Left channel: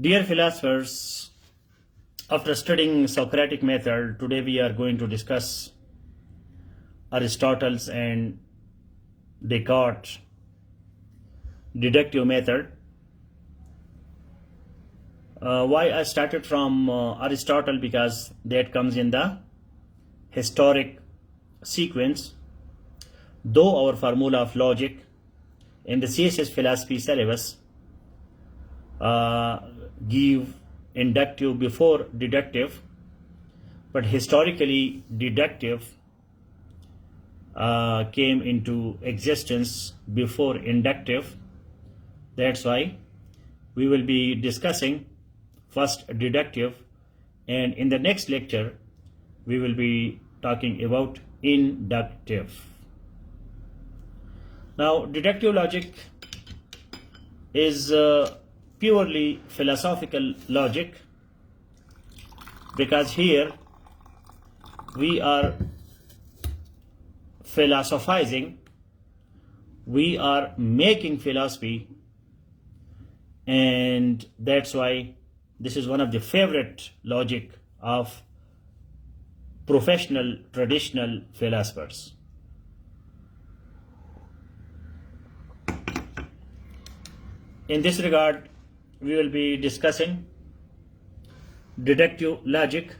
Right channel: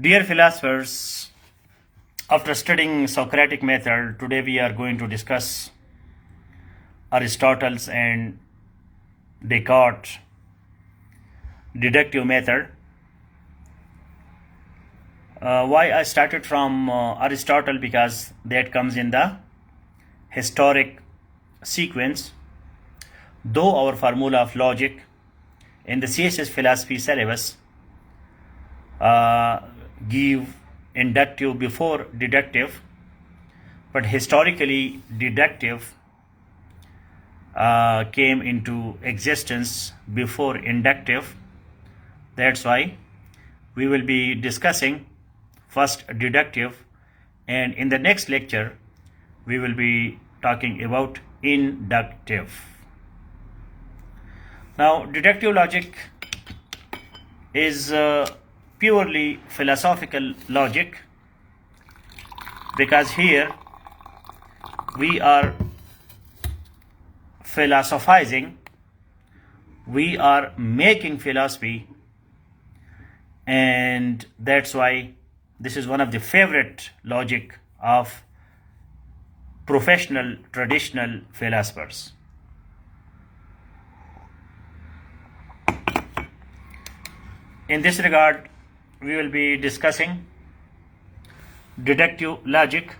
Dear philosophers, after studying Socratic method, today we are going to discuss Aristotle's and Descartes' deductive method. Why I started from Aristotle? Because that comes in the historic sequence. Though our formula of logic in the CSS philosophy syllabus give inductive before deductive, but historically deductive came into existence before inductive. That's why we will be discussing first deductive, and in the next lecture we will be talking about inductive. Now, deductive logic is purely philosophical logic, because here we are philosophizing, we are making philosophy, and that's why this is one of the favorite logic of professional traditional philosophers. In this regard, we will be discussing deductive logic.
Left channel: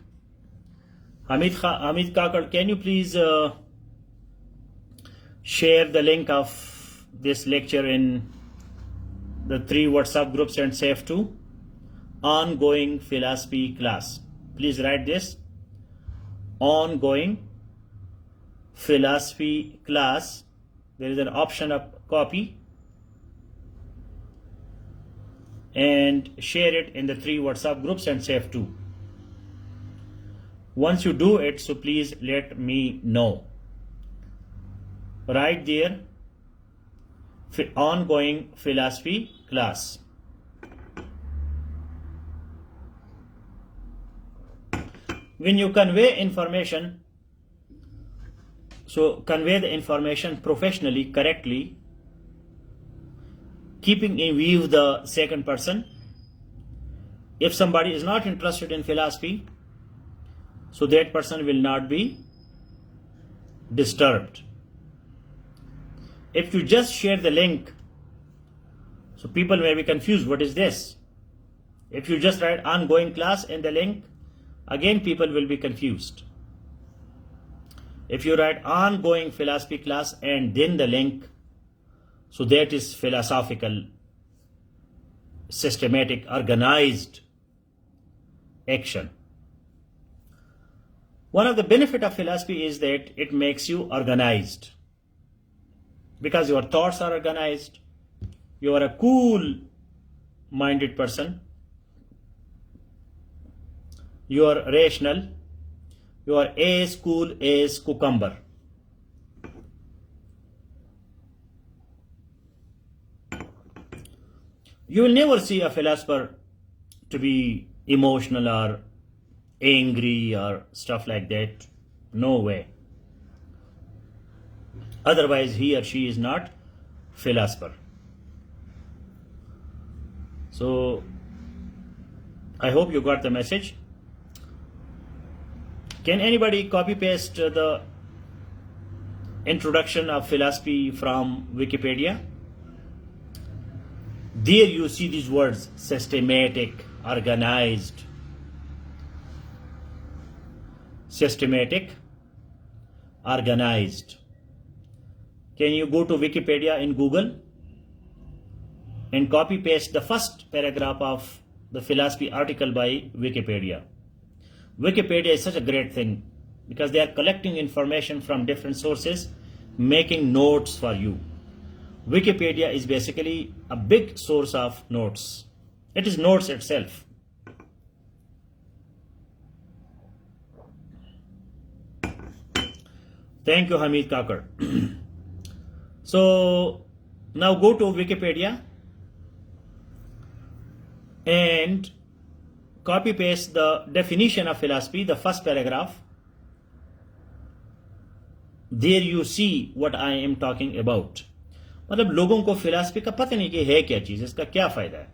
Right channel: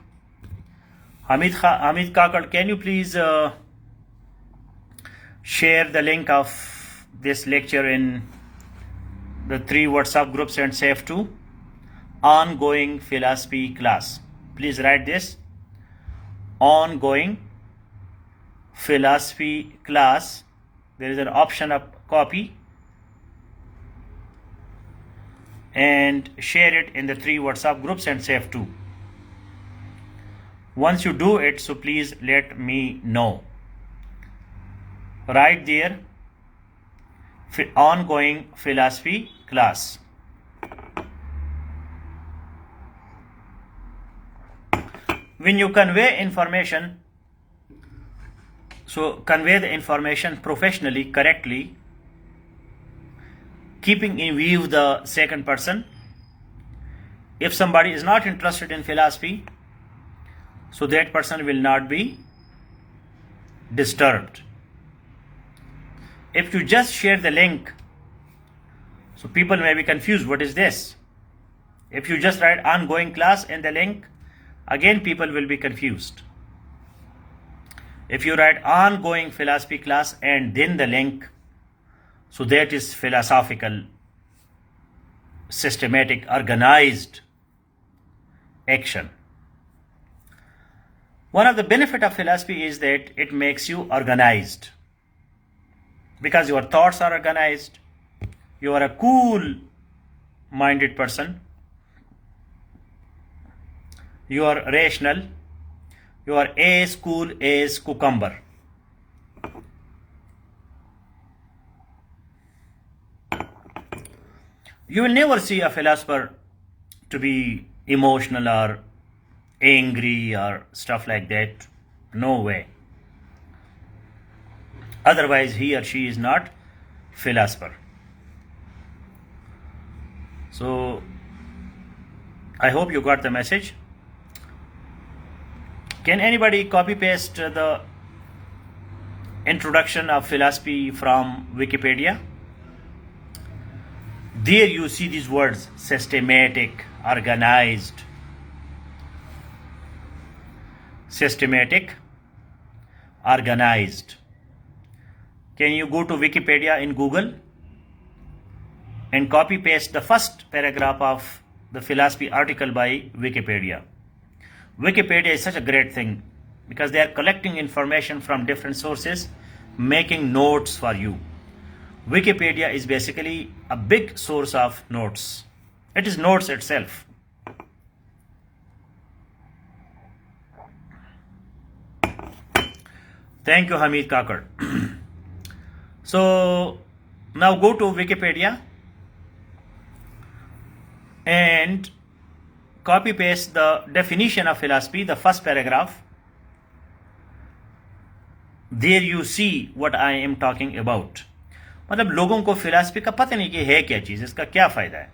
Hamid Kakad, can you please share the link of this lecture in the 3 WhatsApp groups and save to ongoing philosophy class? Please write this: ongoing philosophy class. There is an option of copy, and share it in the 3 WhatsApp groups and save to. Once you do it, so please let me know. Right there, ongoing philosophy class. When you convey information, so convey the information professionally, correctly, keeping in view the second person. If somebody is not interested in philosophy, so that person will not be disturbed. If you just share the link, so people may be confused, what is this? If you just write ongoing class in the link, again people will be confused. If you write ongoing philosophy class and then the link, so that is philosophical, systematic, organized action. One of the benefits of philosophy is that it makes you organized, because your thoughts are organized. You are a cool-minded person. You are rational. You are as cool as cucumber. You will never see a philosopher to be emotional or angry or stuff like that. No way. Otherwise, he or she is not philosopher. So, I hope you got the message. Can anybody copy paste the introduction of philosophy from Wikipedia? There you see these words: systematic, organized. Systematic, organized. Can you go to Wikipedia in Google and copy paste the first paragraph of the philosophy article by Wikipedia? Wikipedia is such a great thing because they are collecting information from different sources, making notes for you. Wikipedia is basically a big source of notes. It is notes itself. Thank you, Hamid Kakar. So now go to Wikipedia and copy paste the definition of philosophy, the first paragraph. There you see what I am talking about. मतलब लोगों को philosophy का पता नहीं कि है क्या चीज़, इसका क्या फ़ायदा है.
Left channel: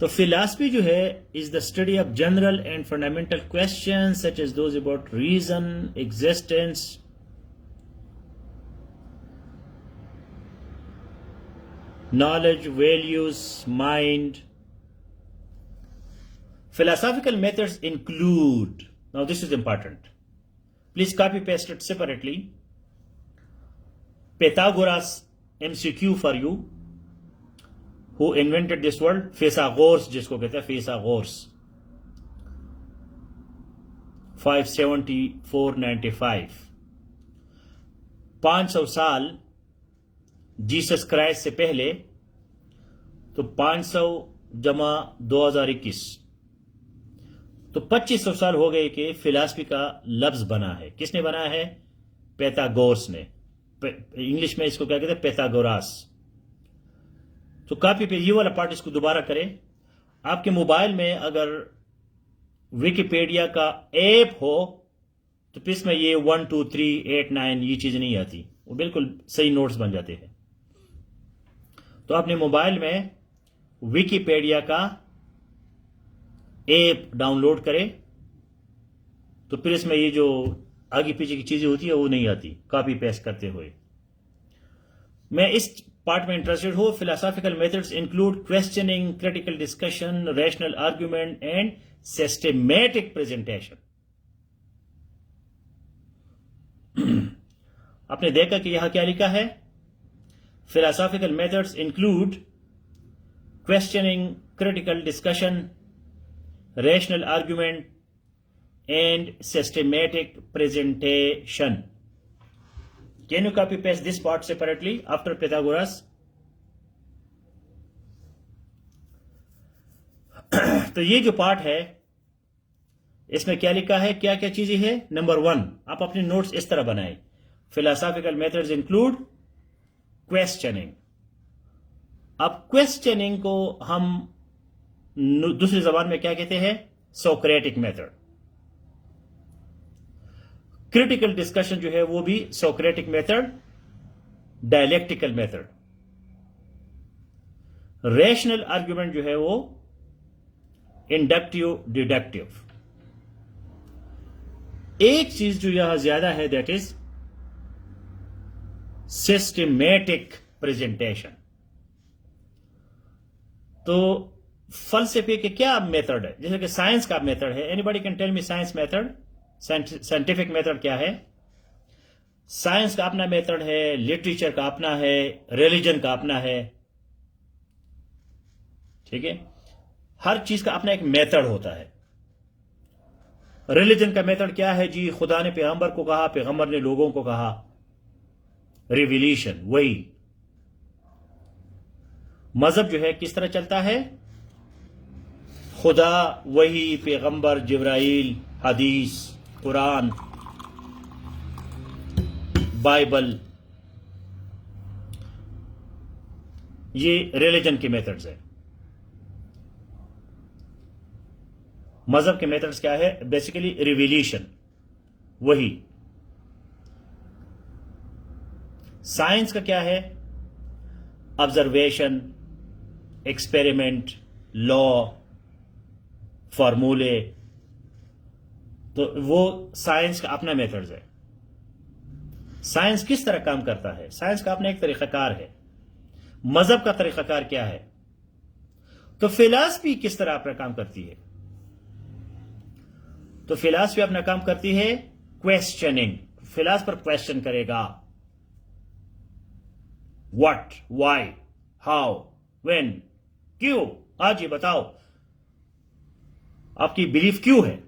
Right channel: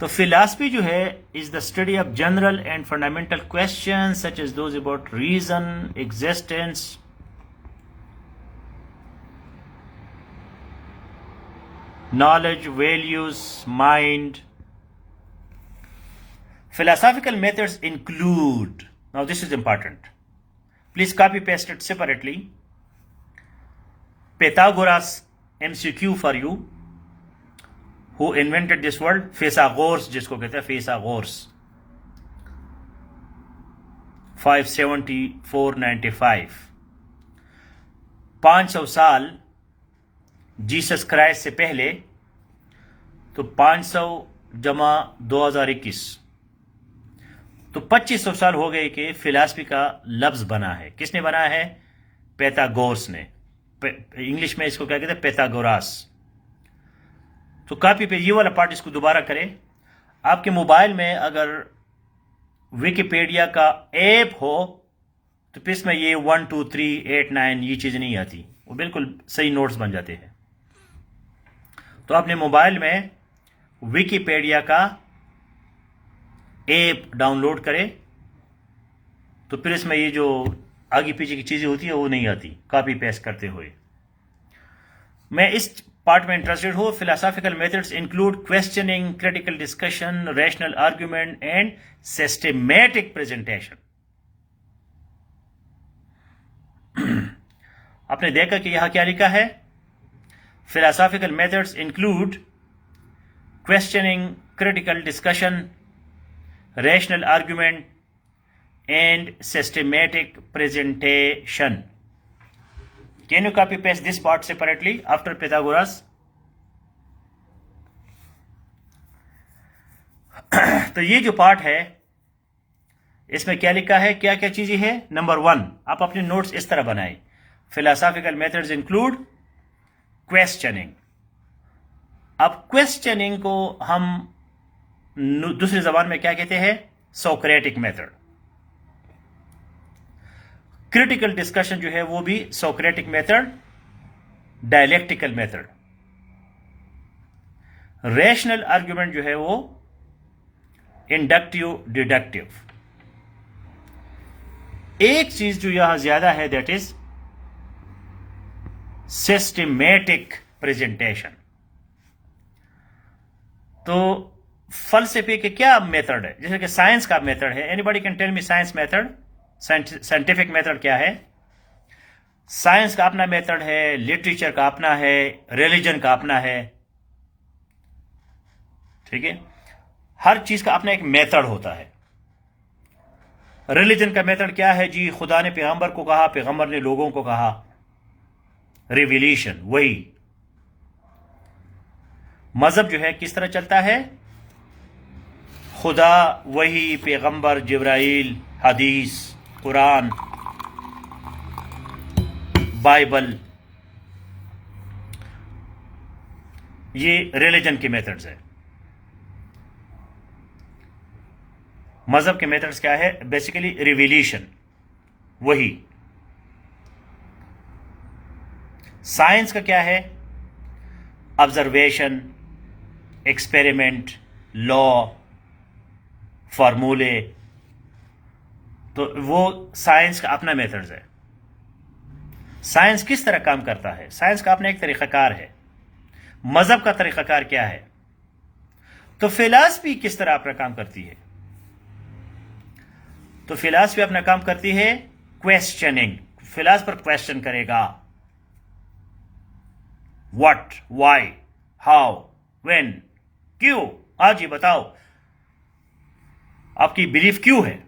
तो फिलॉसफी जो है is the study of general and fundamental question such as those about reason, existence, knowledge, values, mind. Philosophical methods include, now this is important, please copy paste it separately. Pythagoras MCQ for you. Who invented this word? Pythagoras, जिसको कहते हैं Pythagoras. 570-495. 500 साल Jesus Christ से पहले, तो 500 जमा 2021, तो 2500 साल हो गए कि फिलॉसफी का लफ्ज बना है। किसने बनाया है? पैथागोरस ने। इंग्लिश में इसको क्या कहते हैं? पैथागोरास। तो कॉपी पे ये वाला पार्ट इसको दोबारा करें। आपके मोबाइल में अगर विकिपीडिया का ऐप हो तो फिर इसमें ये 1 2 3 8 9 ये चीज़ें नहीं आती, वो बिल्कुल सही नोट्स बन जाते हैं। तो अपने मोबाइल में विकिपीडिया का ऐप डाउनलोड करें, तो फिर इसमें ये जो आगे पीछे की चीज़ें होती है वो नहीं आती कॉपी पेस्ट करते हुए। मैं इस पार्ट में इंटरेस्टेड हूं। Philosophical methods include questioning, critical discussion, rational argument and systematic presentation. आपने देखा कि यहां क्या लिखा है? Philosophical methods include questioning, critical discussion, rational argument and systematic presentation. Can you copy paste this part separately after Pythagoras? तो ये जो पार्ट है इसमें क्या लिखा है, क्या क्या चीजें हैं? नंबर 1, आप अपने नोट्स इस तरह बनाएं। Philosophical methods include questioning. अब क्वेश्चनिंग को हम दूसरी जबान में क्या कहते हैं? Socratic method. क्रिटिकल डिस्कशन जो है वो भी Socratic method, dialectical method. Rational argument जो है वो इंडक्टिव, डिडक्टिव। एक चीज जो यहां ज्यादा है दैट इज सिस्टमैटिक प्रेजेंटेशन। तो फलसफे के क्या मेथड है? जैसे कि साइंस का मेथड है। Anybody can tell me science method? Scientific method क्या है? साइंस का अपना मेथड है, लिटरेचर का अपना है, रिलीजन का अपना है। ठीक है, हर चीज का अपना एक मेथड होता है। रिलीजन का मेथड क्या है जी? खुदा ने पैगंबर को कहा, पैगंबर ने लोगों को कहा, रिविलेशन। वही मजहब जो है किस तरह चलता है? खुदा, वही, पैगंबर, जिब्राइल, हदीस, कुरान, बाइबल, ये रिलीजन के मेथड्स है। मजहब के मेथड्स क्या है? बेसिकली रिविलेशन, वही। साइंस का क्या है? ऑब्जर्वेशन, एक्सपेरिमेंट, लॉ, फार्मूले। तो वो साइंस का अपना मेथड्स है। साइंस किस तरह काम करता है? साइंस का अपना एक तरीकाकार है। मजहब का तरीकाकार क्या है? तो फिलॉसफी किस तरह अपना काम करती है? तो फिलॉसफी अपना काम करती है क्वेश्चनिंग। फिलॉसफर क्वेश्चन करेगा, व्हाट, व्हाई, हाउ, व्हेन, क्यों। आज ये बताओ आपकी बिलीफ क्यों है?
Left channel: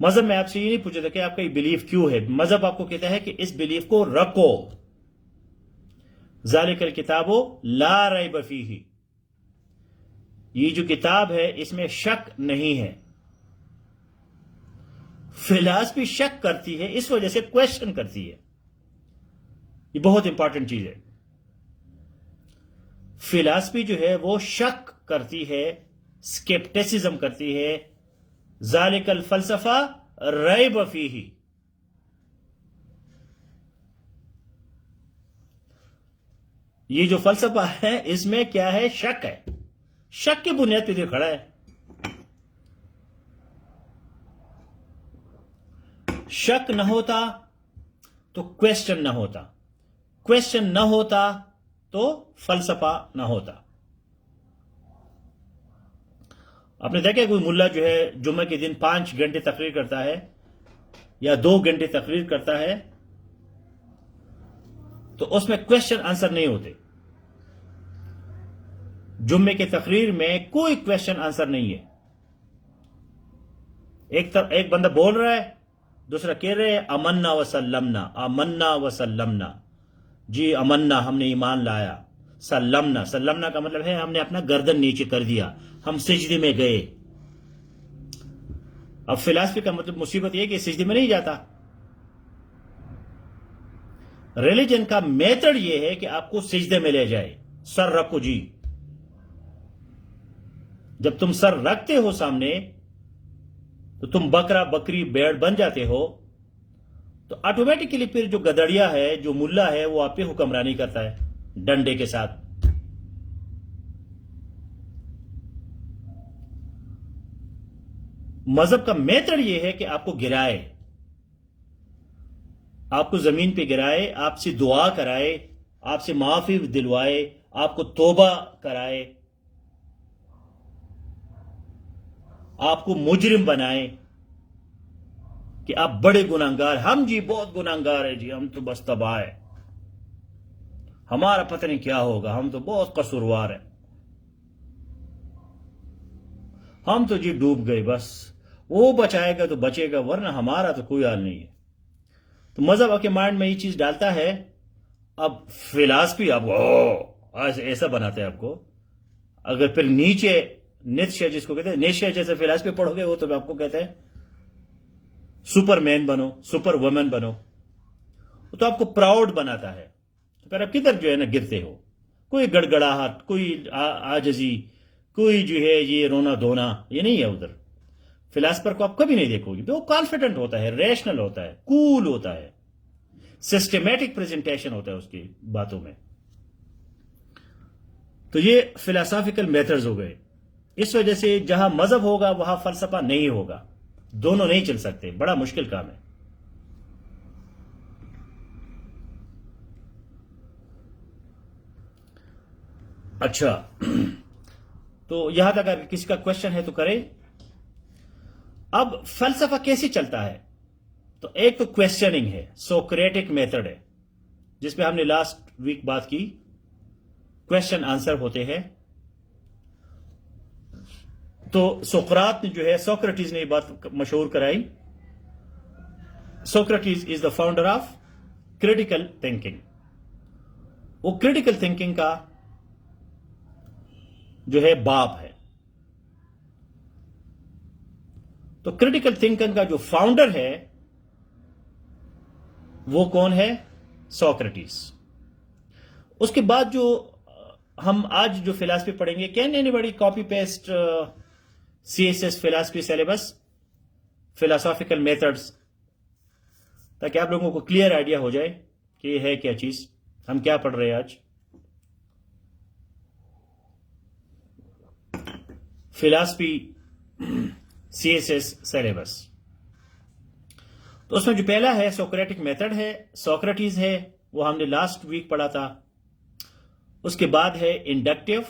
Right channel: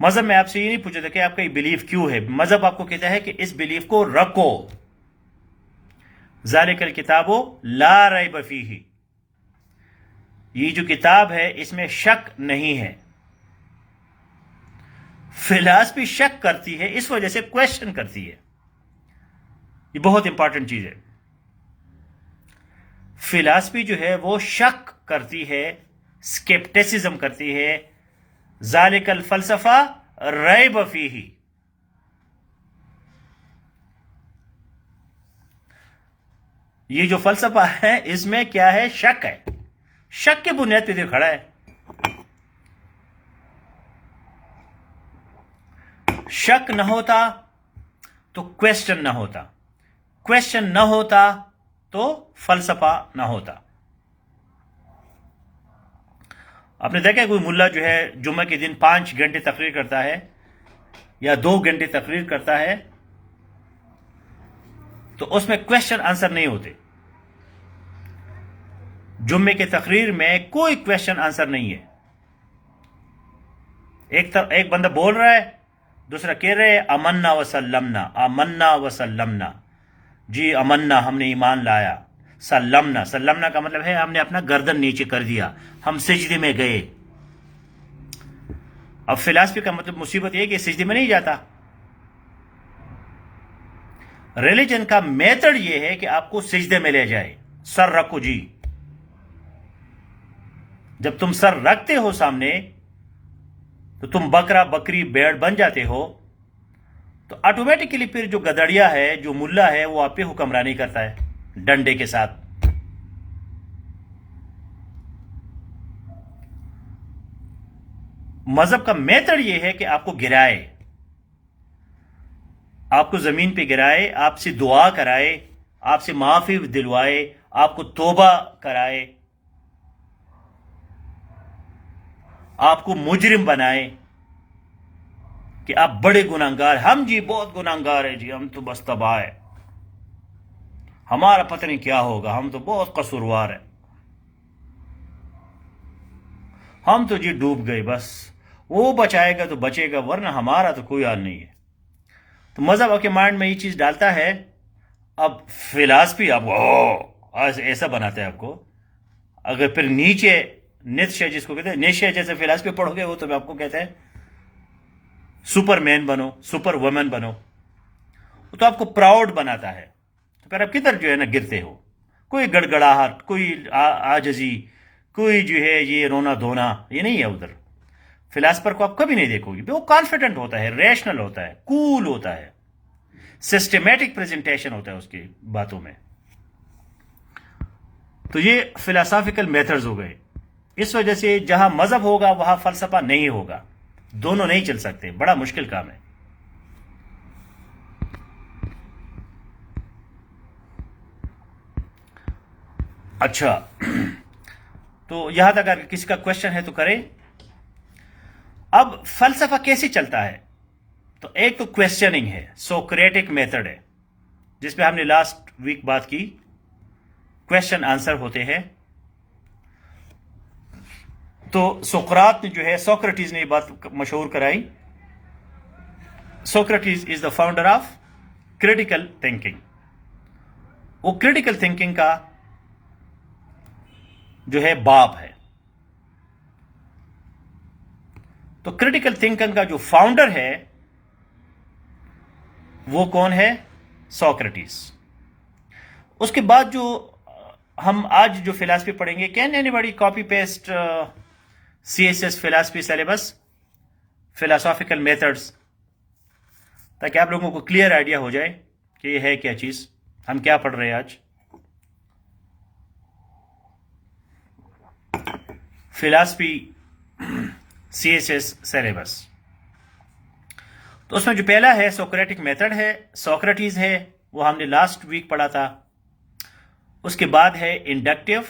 मजहब में आपसे ये नहीं पूछा था कि आपका ये बिलीफ क्यों है। मजहब आपको कहता है कि इस बिलीफ को रखो। ज़ालिकल किताबो ला रैब फीही, ये जो किताब है इसमें शक नहीं है। फिलॉसफी शक करती है, इस वजह से क्वेश्चन करती है। ये बहुत इंपॉर्टेंट चीज है। फिलॉसफी जो है वो शक करती है, स्केप्टिसिज्म करती है। ज़ालिकल फलसफा रैब फीही, ये जो फलसफा है इसमें क्या है? शक है। शक की बुनियाद पे तो खड़ा है। शक न होता तो क्वेश्चन न होता, क्वेश्चन न होता तो फलसफा न होता। आपने देखा कोई मुल्ला जो है जुम्मे के दिन 5 घंटे तकरीर करता है या 2 घंटे तकरीर करता है, तो उसमें क्वेश्चन आंसर नहीं होते। जुम्मे के तकरीर में कोई क्वेश्चन आंसर नहीं है। एक बंदा बोल रहा है, दूसरा कह रहे हैं अमन्ना वसल्लमना, अमन्ना वसल्लमना, जी अमन्ना हमने ईमान लाया, सल्लमना, सल्लमना का मतलब है हमने अपना गर्दन नीचे कर दिया, हम सिजदे में गए। अब फिलॉसफी का मतलब मुसीबत यह कि सिजदे में नहीं जाता। रिलीजन का मेथड यह है कि आपको सिजदे में ले जाए। सर रखो जी, जब तुम सर रखते हो सामने तो तुम बकरा बकरी भेड़ बन जाते हो, तो ऑटोमेटिकली फिर जो गदड़िया है, जो मुल्ला है, वो आप पे हुक्मरानी करता है डंडे के साथ। मजहब का मेथड यह है कि आपको गिराए, आपको जमीन पे गिराए, आपसे दुआ कराए, आपसे माफी दिलवाए, आपको तौबा कराए, आपको मुजरिम बनाए कि आप बड़े गुनाहगार, हम जी बहुत गुनाहगार है जी, हम तो बस तबाह है, हमारा पता नहीं क्या होगा, हम तो बहुत कसूरवार है, हम तो जी डूब गए, बस वो बचाएगा तो बचेगा, वरना हमारा तो कोई हाल नहीं है। तो मजहब आपके माइंड में ये चीज डालता है। अब फिलॉसफी आपको ऐसा बनाता है आपको, अगर फिर नीचे नित्शे जिसको कहते हैं, निश्चय जैसे फिलॉसफी पढ़ोगे वो तो आपको कहते हैं सुपरमैन बनो, सुपर वुमन बनो, तो आपको प्राउड बनाता है। तो फिर आप किधर जो है ना गिरते हो, कोई गड़गड़ाहट, कोई आजजी, कोई जो है ये रोना धोना, ये नहीं है उधर। फिलॉसफर को आप कभी नहीं देखोगे, वो कॉन्फिडेंट होता है, रेशनल होता है, कूल होता है, सिस्टमैटिक प्रेजेंटेशन होता है उसकी बातों में। तो ये फिलोसॉफिकल मेथड्स हो गए। इस वजह से जहां मजहब होगा वहां फलसफा नहीं होगा, दोनों नहीं चल सकते, बड़ा मुश्किल काम है। अच्छा, तो यहां तक अगर किसी का क्वेश्चन है तो करें। अब फलसफा कैसे चलता है, तो एक तो क्वेश्चनिंग है, सोक्रेटिक मेथड है, जिसमें हमने लास्ट वीक बात की, क्वेश्चन आंसर होते हैं। तो सोक्रात ने जो है, सोक्रेटिस ने ये बात मशहूर कराई। Socrates is the founder of critical thinking. वो क्रिटिकल थिंकिंग का जो है बाप है। तो क्रिटिकल थिंकिंग का जो फाउंडर है वो कौन है? सोक्रेटिस। उसके बाद जो हम आज जो फिलॉसफी पढ़ेंगे, can anybody copy paste CSS philosophy syllabus, philosophical methods, ताकि आप लोगों को क्लियर आइडिया हो जाए कि ये है क्या चीज, हम क्या पढ़ रहे हैं आज। Philosophy CSS syllabus. तो उसमें जो पहला है सोक्रेटिक मेथड है, सोक्रेटिस है, वो हमने लास्ट वीक पढ़ा था। उसके बाद है इंडक्टिव,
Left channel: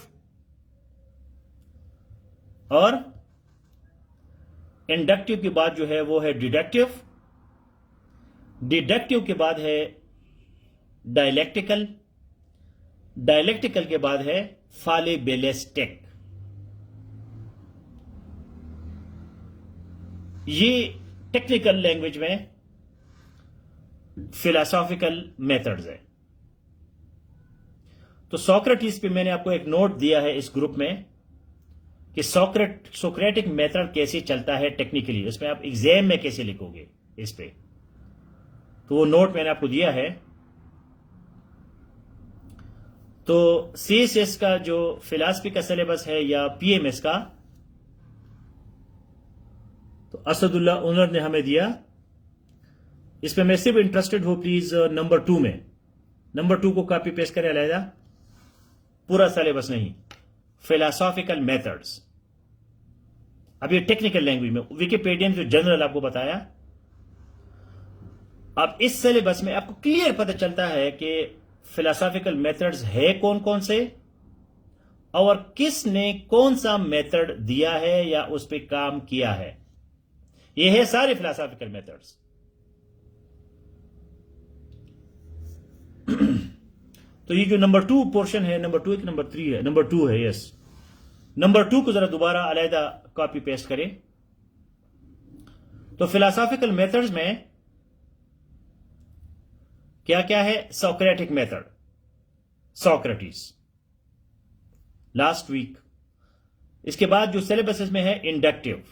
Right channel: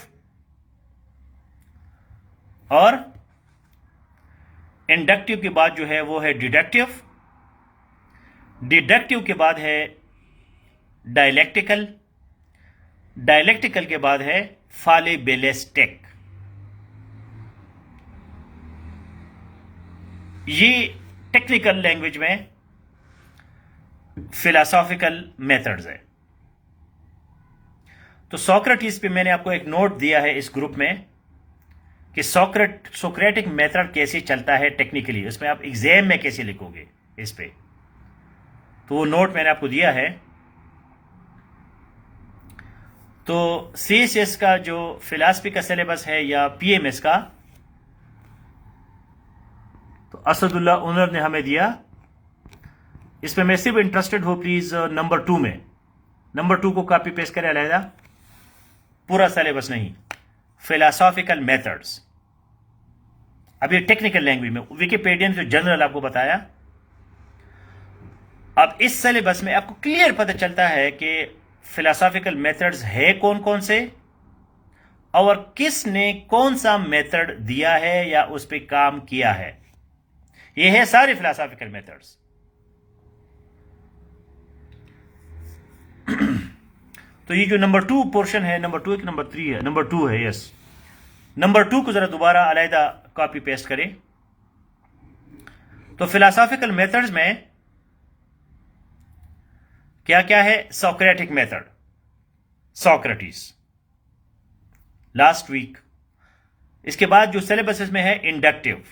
और इंडक्टिव के बाद जो है वो है डिडक्टिव, डिडक्टिव के बाद है डायलेक्टिकल, डायलेक्टिकल के बाद है फालिबिलिस्टिक। ये टेक्निकल लैंग्वेज में फिलोसॉफिकल मेथड्स है। तो सोक्रेटिस पे मैंने आपको एक नोट दिया है इस ग्रुप में कि सोक्रेटिक मेथड कैसे चलता है टेक्निकली, उसमें आप एग्जाम में कैसे लिखोगे इस पे, तो वो नोट मैंने आपको दिया है। तो CSS का जो फिलॉसफी का सिलेबस है या PMS का, तो असदुल्ला ओनर ने हमें दिया। इसमें मैं सिर्फ इंटरेस्टेड हूं, प्लीज नंबर 2 में, नंबर 2 को कॉपी पेस्ट करें अलहदा, पूरा सिलेबस नहीं, philosophical methods. अब ये टेक्निकल लैंग्वेज में, विकिपीडिया में जो जनरल आपको बताया, अब इस सिलेबस में आपको क्लियर पता चलता है कि फिलोसॉफिकल मेथड्स है कौन कौन से और किसने कौन सा मेथड दिया है या उस पर काम किया है। ये है सारे फिलोसॉफिकल मेथड्स। तो ये जो नंबर 2 पोर्शन है, नंबर 2 एक नंबर 3 है, नंबर 2 है, यस। नंबर 2 को जरा दोबारा अलहदा कॉपी पेस्ट करें। तो फिलोसॉफिकल मेथड्स में क्या क्या है? Socratic method, Socrates, last week. इसके बाद जो सिलेबस में है इंडक्टिव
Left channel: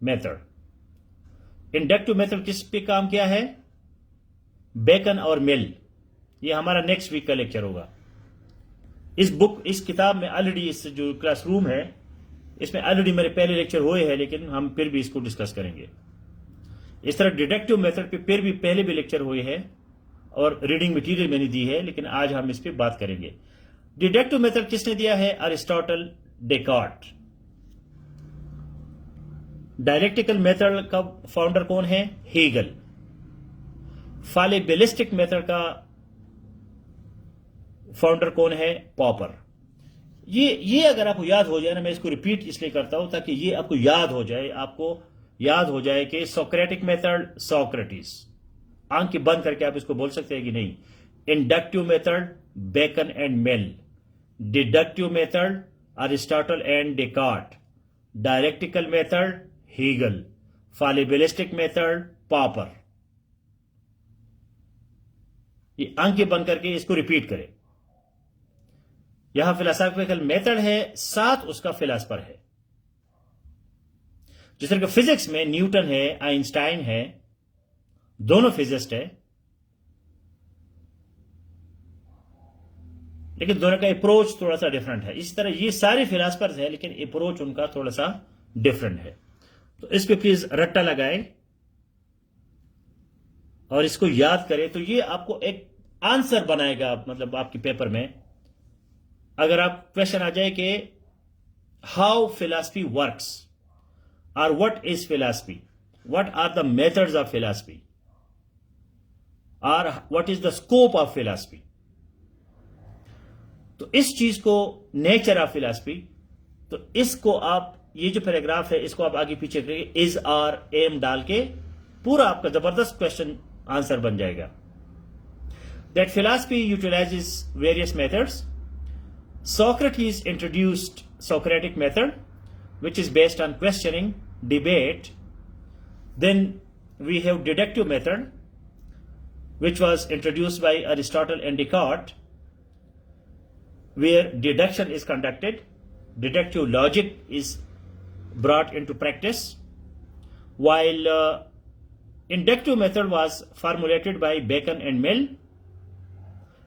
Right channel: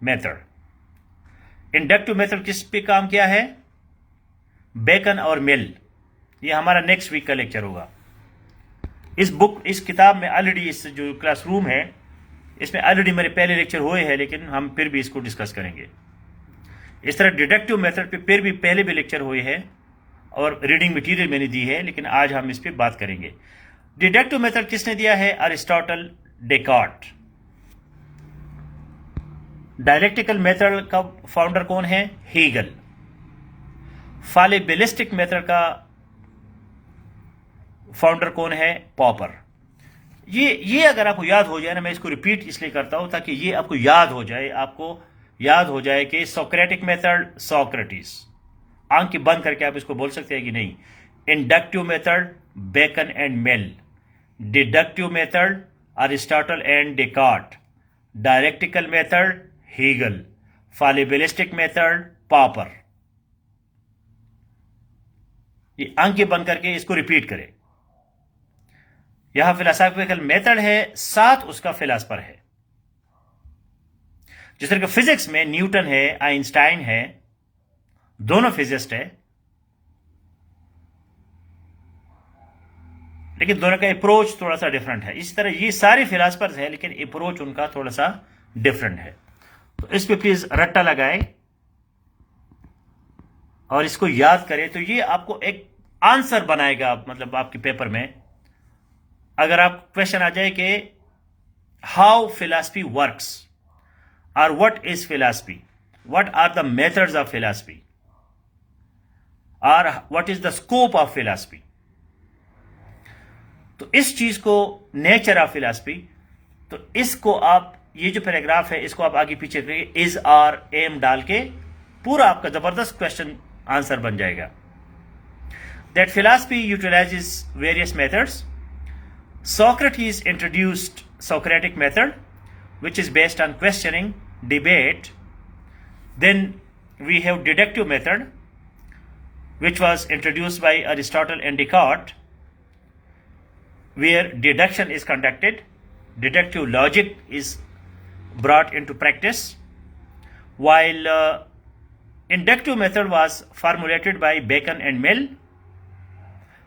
मेथड। इंडक्टिव मेथड किस पे काम किया है? बेकन और मिल। ये हमारा नेक्स्ट वीक का लेक्चर होगा। इस किताब में ऑलरेडी, इस जो क्लासरूम है इसमें ऑलरेडी मेरे पहले लेक्चर हुए हैं, लेकिन हम फिर भी इसको डिस्कस करेंगे। इस तरह डिडक्टिव मेथड पे फिर भी पहले भी लेक्चर हुए हैं और रीडिंग मटेरियल मैंने दी है, लेकिन आज हम इस पर बात करेंगे। डिडक्टिव मेथड किसने दिया है? Aristotle, Descartes. डायलेक्टिकल मेथड का फाउंडर कौन है? हेगल। फालिबिलिस्टिक मेथड का फाउंडर कौन है? पॉपर। ये अगर आपको याद हो जाए ना, मैं इसको रिपीट इसलिए करता हूं ताकि ये आपको याद हो जाए कि सोक्रेटिक मेथड सोक्रेटिस। आंख की बंद करके आप इसको बोल सकते हैं कि नहीं। Inductive method Bacon and Mill. Deductive method Aristotle and Descartes. Dialectical method Hegel. Fallibilistic method Popper. ये आंखें बंद करके इसको रिपीट करें। यहां फिलोसॉफिकल मेथड है, साथ उसका फिलोसफर है। जिस तरह फिजिक्स में न्यूटन है, आइंस्टाइन है, दोनों फिजिस्ट है, लेकिन दोनों का अप्रोच थोड़ा सा डिफरेंट है। इसी तरह ये सारे फिलोसफर्स है, लेकिन अप्रोच उनका थोड़ा सा डिफरेंट है। तो इस पे प्लीज रट्टा लगाएं और इसको याद करें, तो ये आपको एक आंसर बनाएगा, मतलब आपके पेपर में अगर आप क्वेश्चन आ जाए कि हाउ फिलॉसफी वर्क्स और what is philosophy, what are the methods of philosophy और what is the scope of philosophy, तो इस चीज को, नेचर ऑफ फिलॉसफी, तो इसको आप, ये जो पैराग्राफ है इसको आप आगे पीछे करिए, इज आर एम डाल के पूरा आपका जबरदस्त क्वेश्चन आंसर बन जाएगा। That philosophy utilises various methods. Socrates introduced Socratic method, which is based on questioning, debate. Then we have deductive method, which was introduced by Aristotle and Descartes, where deduction is conducted, deductive logic is brought into practice, while inductive method was formulated by Bacon and Mill.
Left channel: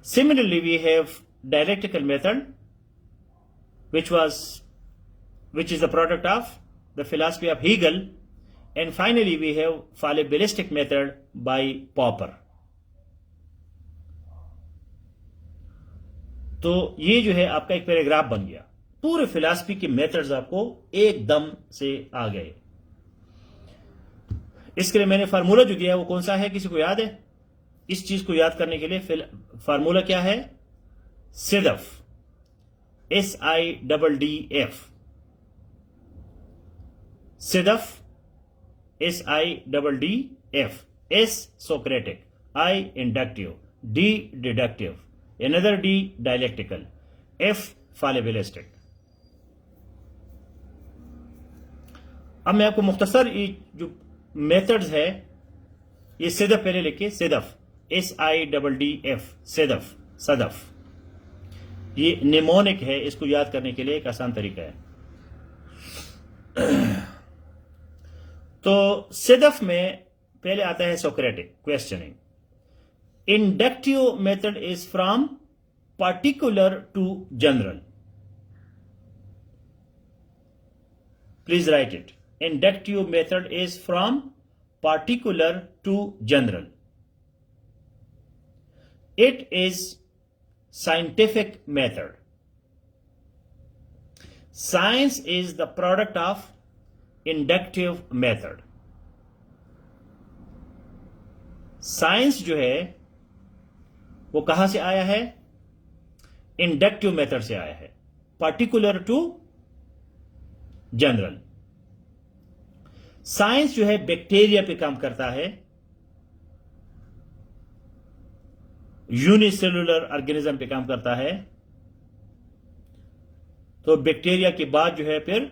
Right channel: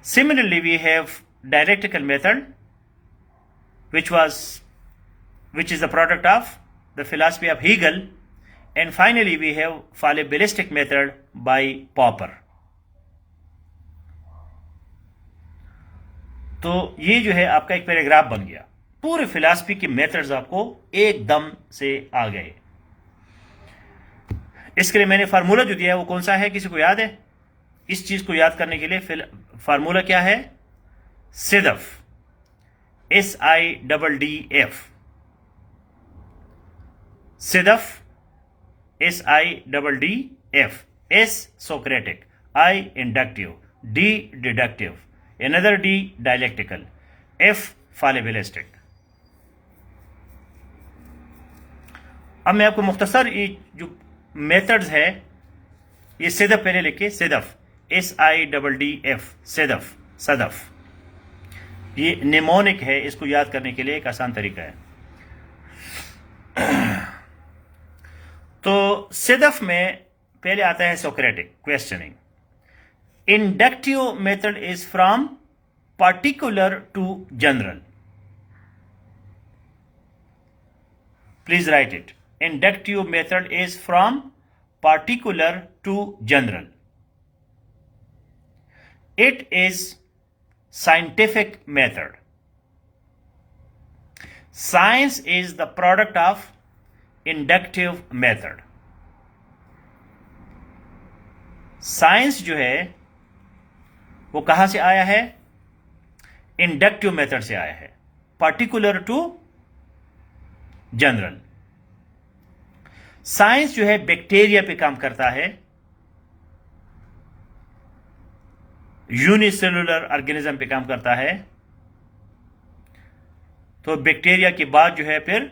Similarly, we have dialectical method, which is the product of the philosophy of Hegel, and finally we have fallibilistic method by Popper. तो ये जो है आपका एक paragraph बन गया, पूरे philosophy के मेथड्स आपको एकदम से आ गए। इसके लिए मैंने फार्मूला जो दिया है वो कौन सा है, किसी को याद है? इस चीज को याद करने के लिए फार्मूला क्या है? सिदफ, SIDDF, सिदफ, SIDDF, S Socratic, I inductive, D deductive, another D dialectical, F fallibilistic। अब मैं आपको मुख्तसर ये जो मेथड्स है, ये सिदफ पहले लिखे, सिदफ, SIDDF, सिदफ, सदफ। ये निमोनिक है, इसको याद करने के लिए एक आसान तरीका है। तो सिदफ में पहले आता है Socratic, questioning. Inductive method is from particular to general. Please write it. Inductive method is from particular to general. It is scientific method. Science is the product of inductive method. Science जो है वो कहां से आया है? Inductive method से आया है, पर्टिकुलर टू जनरल। साइंस जो है बैक्टीरिया पे काम करता है, यूनिसेलुलर ऑर्गेनिज्म पे काम करता है। तो बैक्टीरिया के बाद जो है फिर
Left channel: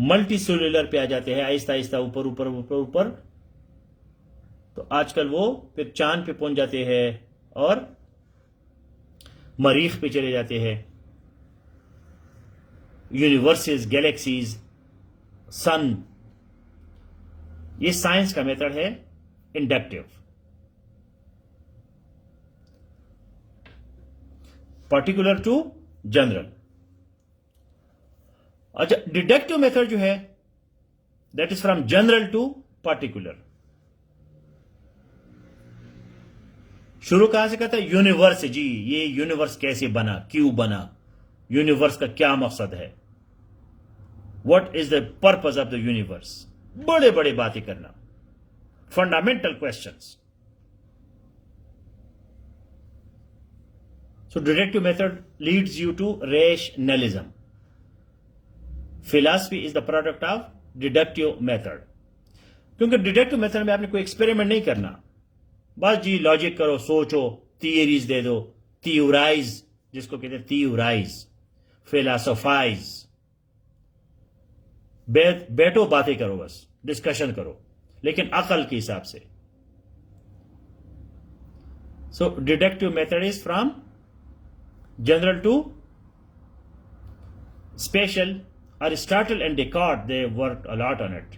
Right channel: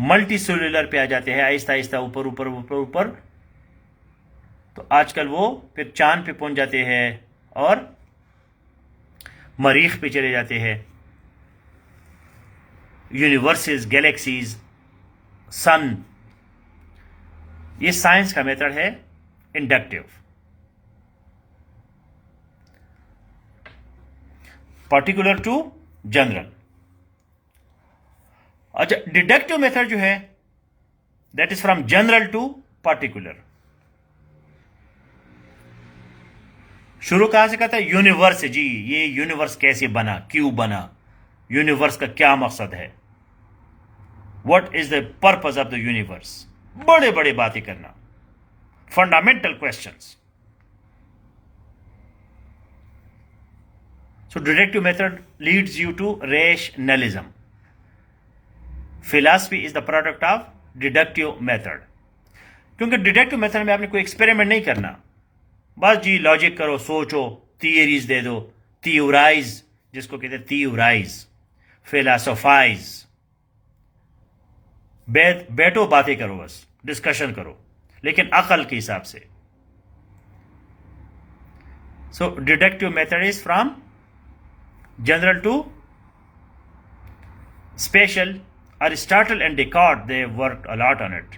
मल्टी सेलुलर पे आ जाते हैं, आहिस्ता आहिस्ता ऊपर ऊपर ऊपर ऊपर। तो आजकल वो फिर चांद पे पहुंच जाते हैं और मरीख पे चले जाते हैं, यूनिवर्सेस, गैलेक्सीज, सन। ये साइंस का मेथड है इंडक्टिव, पर्टिकुलर टू जनरल। अच्छा, डिडक्टिव मेथड जो है that is from general to particular. शुरू कहां से करता है? यूनिवर्स। जी, ये यूनिवर्स कैसे बना, क्यों बना, यूनिवर्स का क्या मकसद है, what is the purpose of the universe. बड़े बड़े बातें करना, fundamental questions. So deductive method leads you to rationalism. Philosophy is the product of deductive method, क्योंकि डिडक्टिव मेथड में आपने कोई एक्सपेरिमेंट नहीं करना, बस जी लॉजिक करो, सोचो, थियरीज दे दो, थियोराइज, जिसको कहते हैं थियोराइज, फिलोसोफाइज। बैठो, बातें करो, बस डिस्कशन करो, लेकिन अकल के हिसाब से। So deductive method is from general to special. Aristotle and Descartes, they worked a lot on it.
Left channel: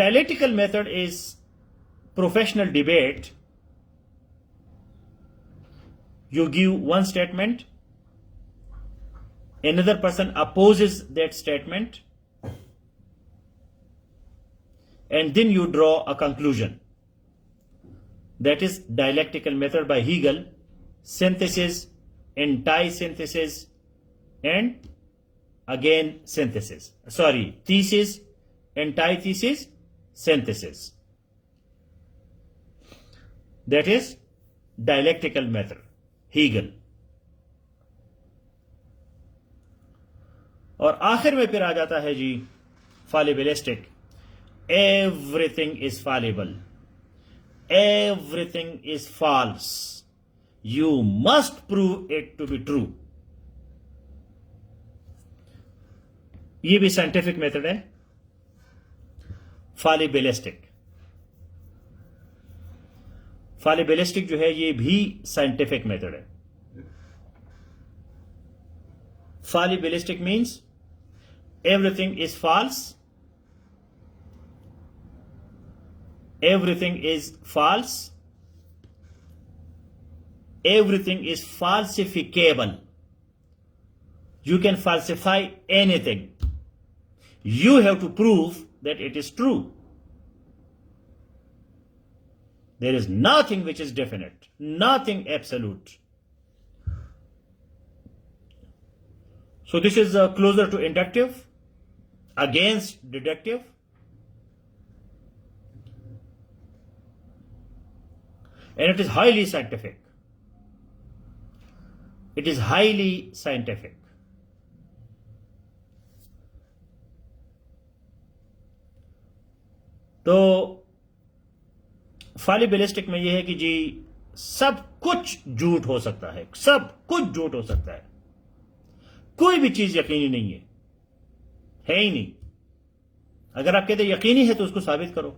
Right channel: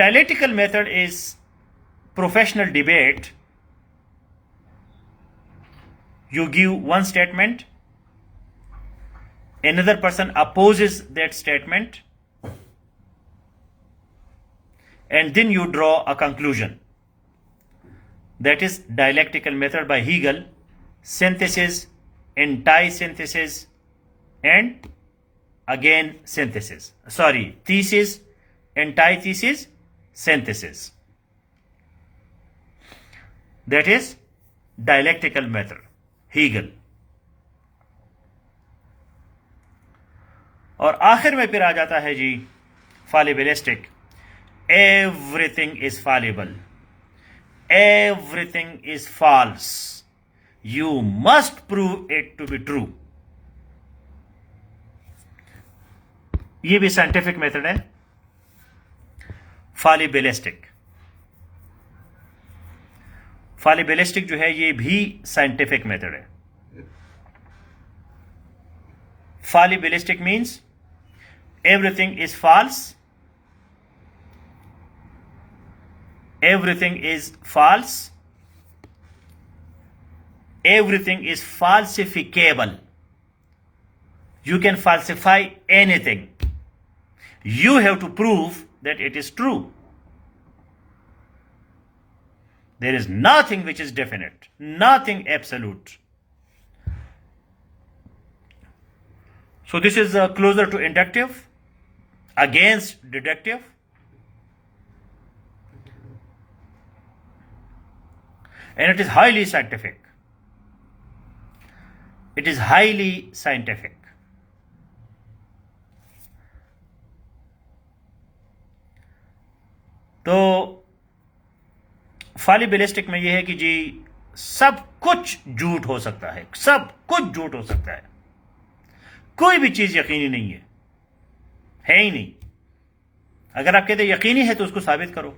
Dialectical method is professional debate. You give one statement, another person opposes that statement, and then you draw a conclusion. That is dialectical method by Hegel. Synthesis, anti-synthesis, and again synthesis. Sorry, thesis, antithesis, synthesis. That is dialectical method, Hegel. और आखिर में फिर आ जाता है जी fallibilistic. Everything is fallible. Everything is false. You must prove it to be true. ये भी scientific method है, fallibilistic. fallibilistic जो है ये भी साइंटिफिक मेथड है. fallibilistic means everything is false. Everything is false. Everything is falsificable. You can falsify anything. You have to prove that it is true. There is nothing which is definite, nothing absolute. So this is closer to inductive, against deductive. And it is highly scientific. It is highly scientific. तो fallibilistic में यह है कि जी सब कुछ झूठ हो सकता है, सब कुछ झूठ हो सकता है, कोई भी चीज यकीनी नहीं है ही नहीं. अगर आप कहते यकीनी है तो उसको साबित करो.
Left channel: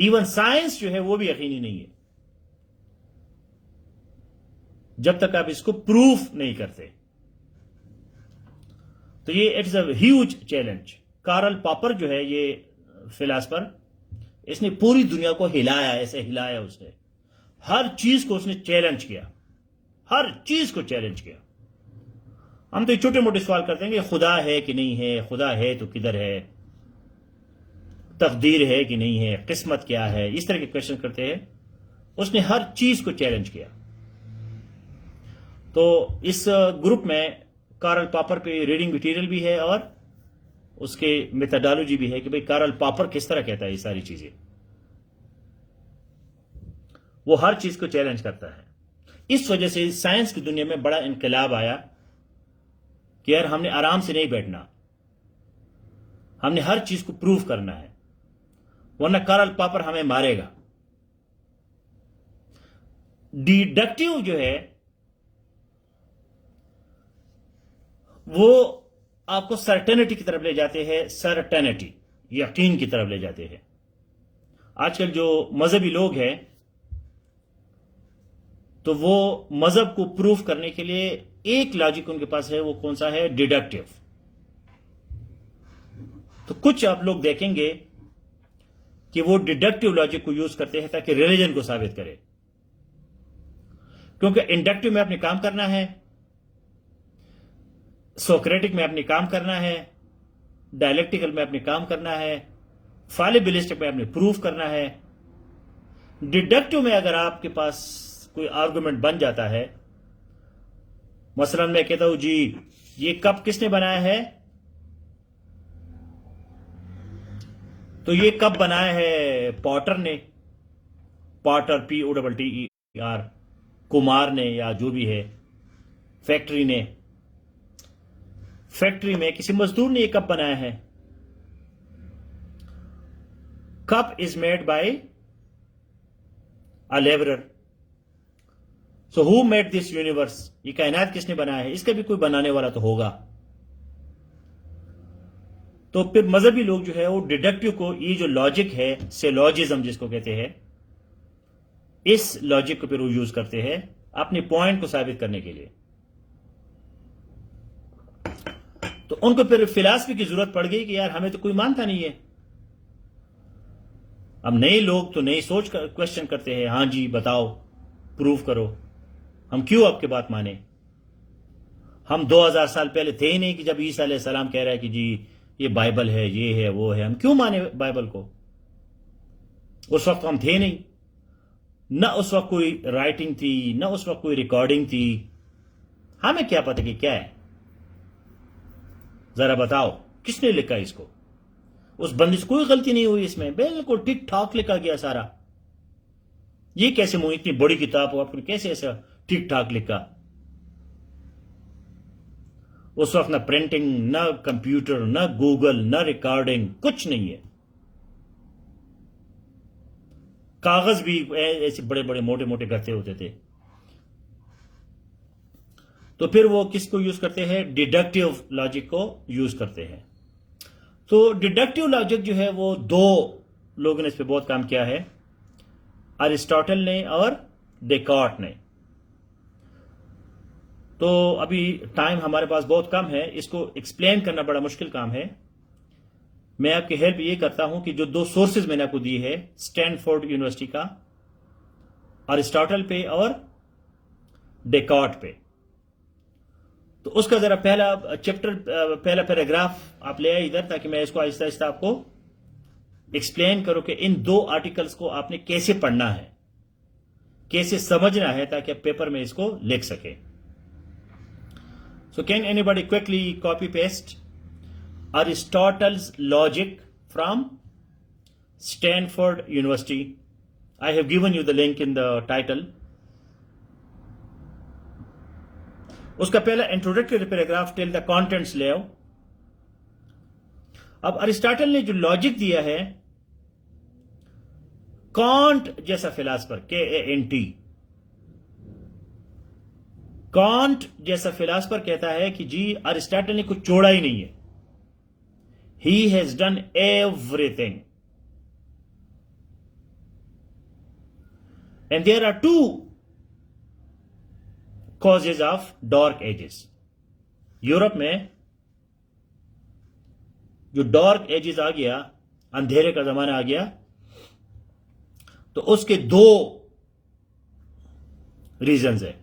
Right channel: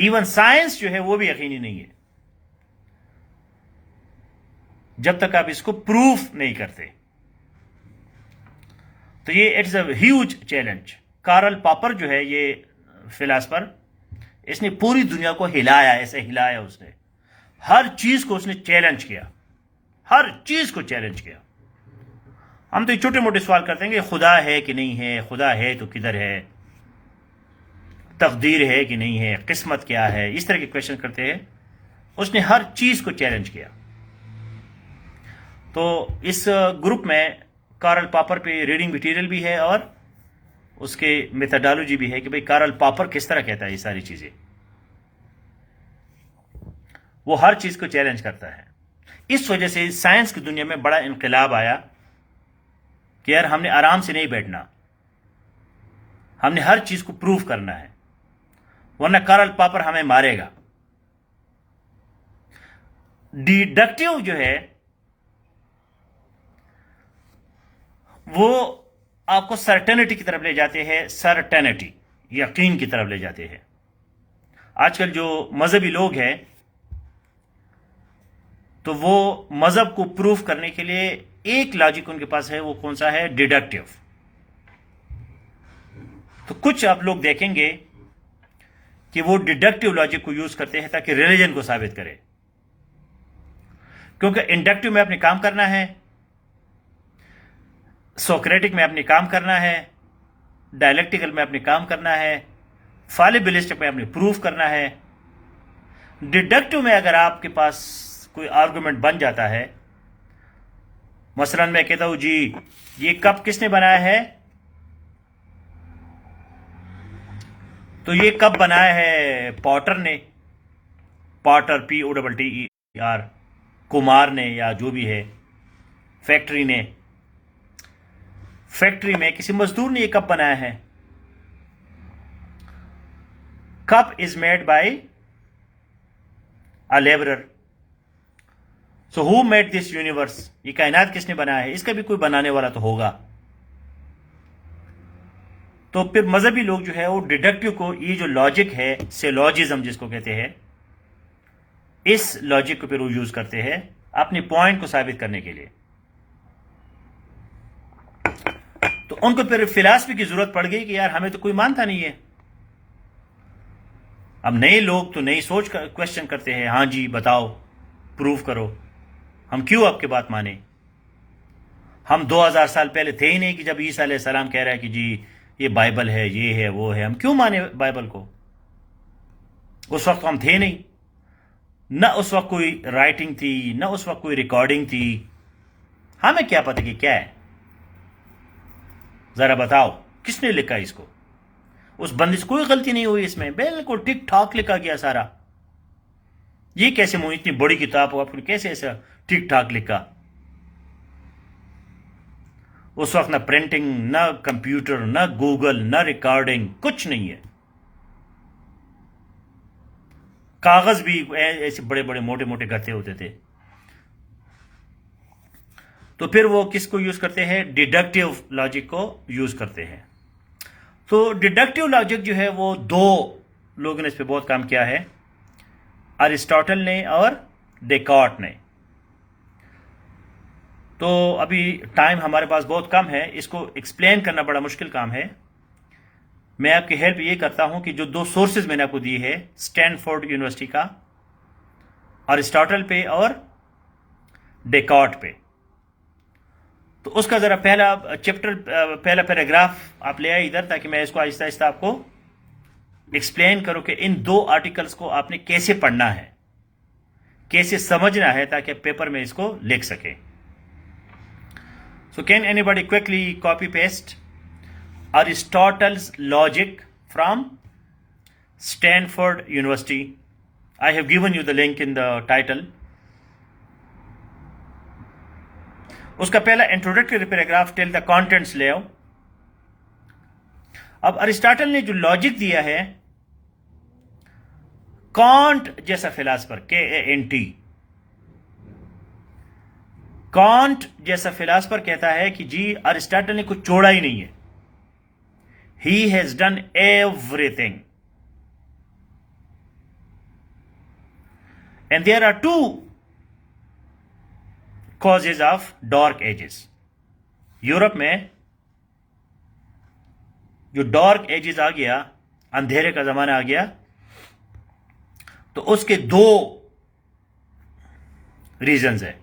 इवन साइंस जो है वो भी यकीनी नहीं है जब तक आप इसको प्रूफ नहीं करते. तो ये it's a huge challenge. Karl Popper जो है ये फिलासफर, इसने पूरी दुनिया को हिलाया, ऐसे हिलाया उसने. हर चीज को उसने चैलेंज किया, हर चीज को चैलेंज किया. हम तो ये छोटे मोटे सवाल करते हैं कि खुदा है कि नहीं है, खुदा है तो किधर है, तकदीर है कि नहीं है, किस्मत क्या है, इस तरह के क्वेश्चन करते हैं. उसने हर चीज को चैलेंज किया। तो इस ग्रुप में कार्ल पॉपर पे रीडिंग मटेरियल भी है और उसके मेथोडोलॉजी भी है कि भाई कार्ल पॉपर किस तरह कहता है ये सारी चीजें। वो हर चीज को चैलेंज करता है। इस वजह से साइंस की दुनिया में बड़ा इनकलाब आया कि यार हमने आराम से नहीं बैठना, हमने हर चीज को प्रूव करना है, वरना कार्ल पॉपर हमें मारेगा। डिडक्टिव जो है वो आपको सर्टेनिटी की तरफ ले जाते हैं, सर्टेनिटी यकीन की तरफ ले जाते हैं। आजकल जो मजहबी लोग हैं तो वो मजहब को प्रूफ करने के लिए एक लॉजिक उनके पास है, वो कौन सा है? डिडक्टिव। तो कुछ आप लोग देखेंगे कि वो डिडक्टिव लॉजिक को यूज करते हैं ताकि रिलीजन को साबित करे, क्योंकि इंडक्टिव में अपने काम करना है, सोक्रेटिक में अपने काम करना है, डायलेक्टिकल में अपने काम करना है, फालिबिलिस्टिक में अपने प्रूफ करना है। डिडक्टिव में अगर आपके पास कोई आर्गुमेंट बन जाता है, मसलन मैं कहता हूं जी ये कप किसने बनाया है, तो ये कप बनाया है पॉटर ने, पॉटर POTTER, कुमार ने या जो भी है, फैक्ट्री ने, फैक्ट्री में किसी मजदूर ने ये कप बनाया है। Cup is made by a labourer. So who made this universe? ये कायनात किसने बनाया है? इसका भी कोई बनाने वाला तो होगा। तो फिर मजहबी लोग जो है वो डिडक्टिव को, ये जो लॉजिक है, सिलोजिज्म जिसको कहते हैं, इस लॉजिक को फिर वो यूज करते हैं अपने पॉइंट को साबित करने के लिए। तो उनको फिर फिलॉसफी की जरूरत पड़ गई कि यार हमें तो कोई मानता नहीं है। अब नए लोग तो नई सोच का क्वेश्चन करते हैं, हां जी बताओ, प्रूव करो, हम क्यों आपकी बात माने? हम 2000 साल पहले थे ही नहीं कि जब ईसा अलैहिस्सलाम कह रहा है कि जी ये बाइबल है, ये है, वो है, हम क्यों माने बाइबल को? उस वक्त हम थे नहीं, न उस वक्त कोई राइटिंग थी, न उस वक्त कोई रिकॉर्डिंग थी, हमें क्या पता कि क्या है? जरा बताओ किसने लिखा इसको? उस बंदे से कोई गलती नहीं हुई इसमें, बिल्कुल ठीक ठाक लिखा गया सारा। ये कैसे मुझे इतनी बड़ी किताब हो, आपने कैसे ऐसा ठीक ठाक लिखा? उस वक्त ना प्रिंटिंग, ना कंप्यूटर, ना गूगल, ना रिकॉर्डिंग, कुछ नहीं है। कागज भी ऐसे बड़े बड़े मोटे मोटे गत्ते होते थे। तो फिर वो किसको यूज करते हैं? डिडक्टिव लॉजिक को यूज करते हैं। तो डिडक्टिव लॉजिक जो है वो दो लोगों ने इस पर बहुत काम किया है, अरिस्टोटल ने और डेकार्ट ने। तो अभी टाइम हमारे पास बहुत कम है, इसको एक्सप्लेन करना बड़ा मुश्किल काम है। मैं आपकी हेल्प ये करता हूं कि जो दो सोर्सेज मैंने आपको दिए है, स्टैनफोर्ड यूनिवर्सिटी का, अरिस्टोटल पे और डेकार्ट पे, तो उसका जरा पहला चैप्टर, पहला पैराग्राफ आप ले आए इधर, ताकि मैं इसको आहिस्ता आहिस्ता आपको एक्सप्लेन करूं कि इन दो आर्टिकल्स को आपने कैसे पढ़ना है, कैसे समझना है, ताकि आप पेपर में इसको लिख सके। So can anybody quickly copy paste Aristotle's logic from Stanford University? I have given you the link in the title. उसका पहला introductory paragraph till the contents ले आओ। अब अरिस्टोटल ने जो लॉजिक दिया है, कांट जैसा फिलासफर, KANT, कांट जैसा फिलासफर कहता है कि जी अरिस्टोटल ने कुछ छोड़ा ही नहीं है, he has done everything, and there are two causes of dark ages. Europe में जो डार्क एजेस आ गया, अंधेरे का जमाना आ गया, तो उसके दो रीजंस है।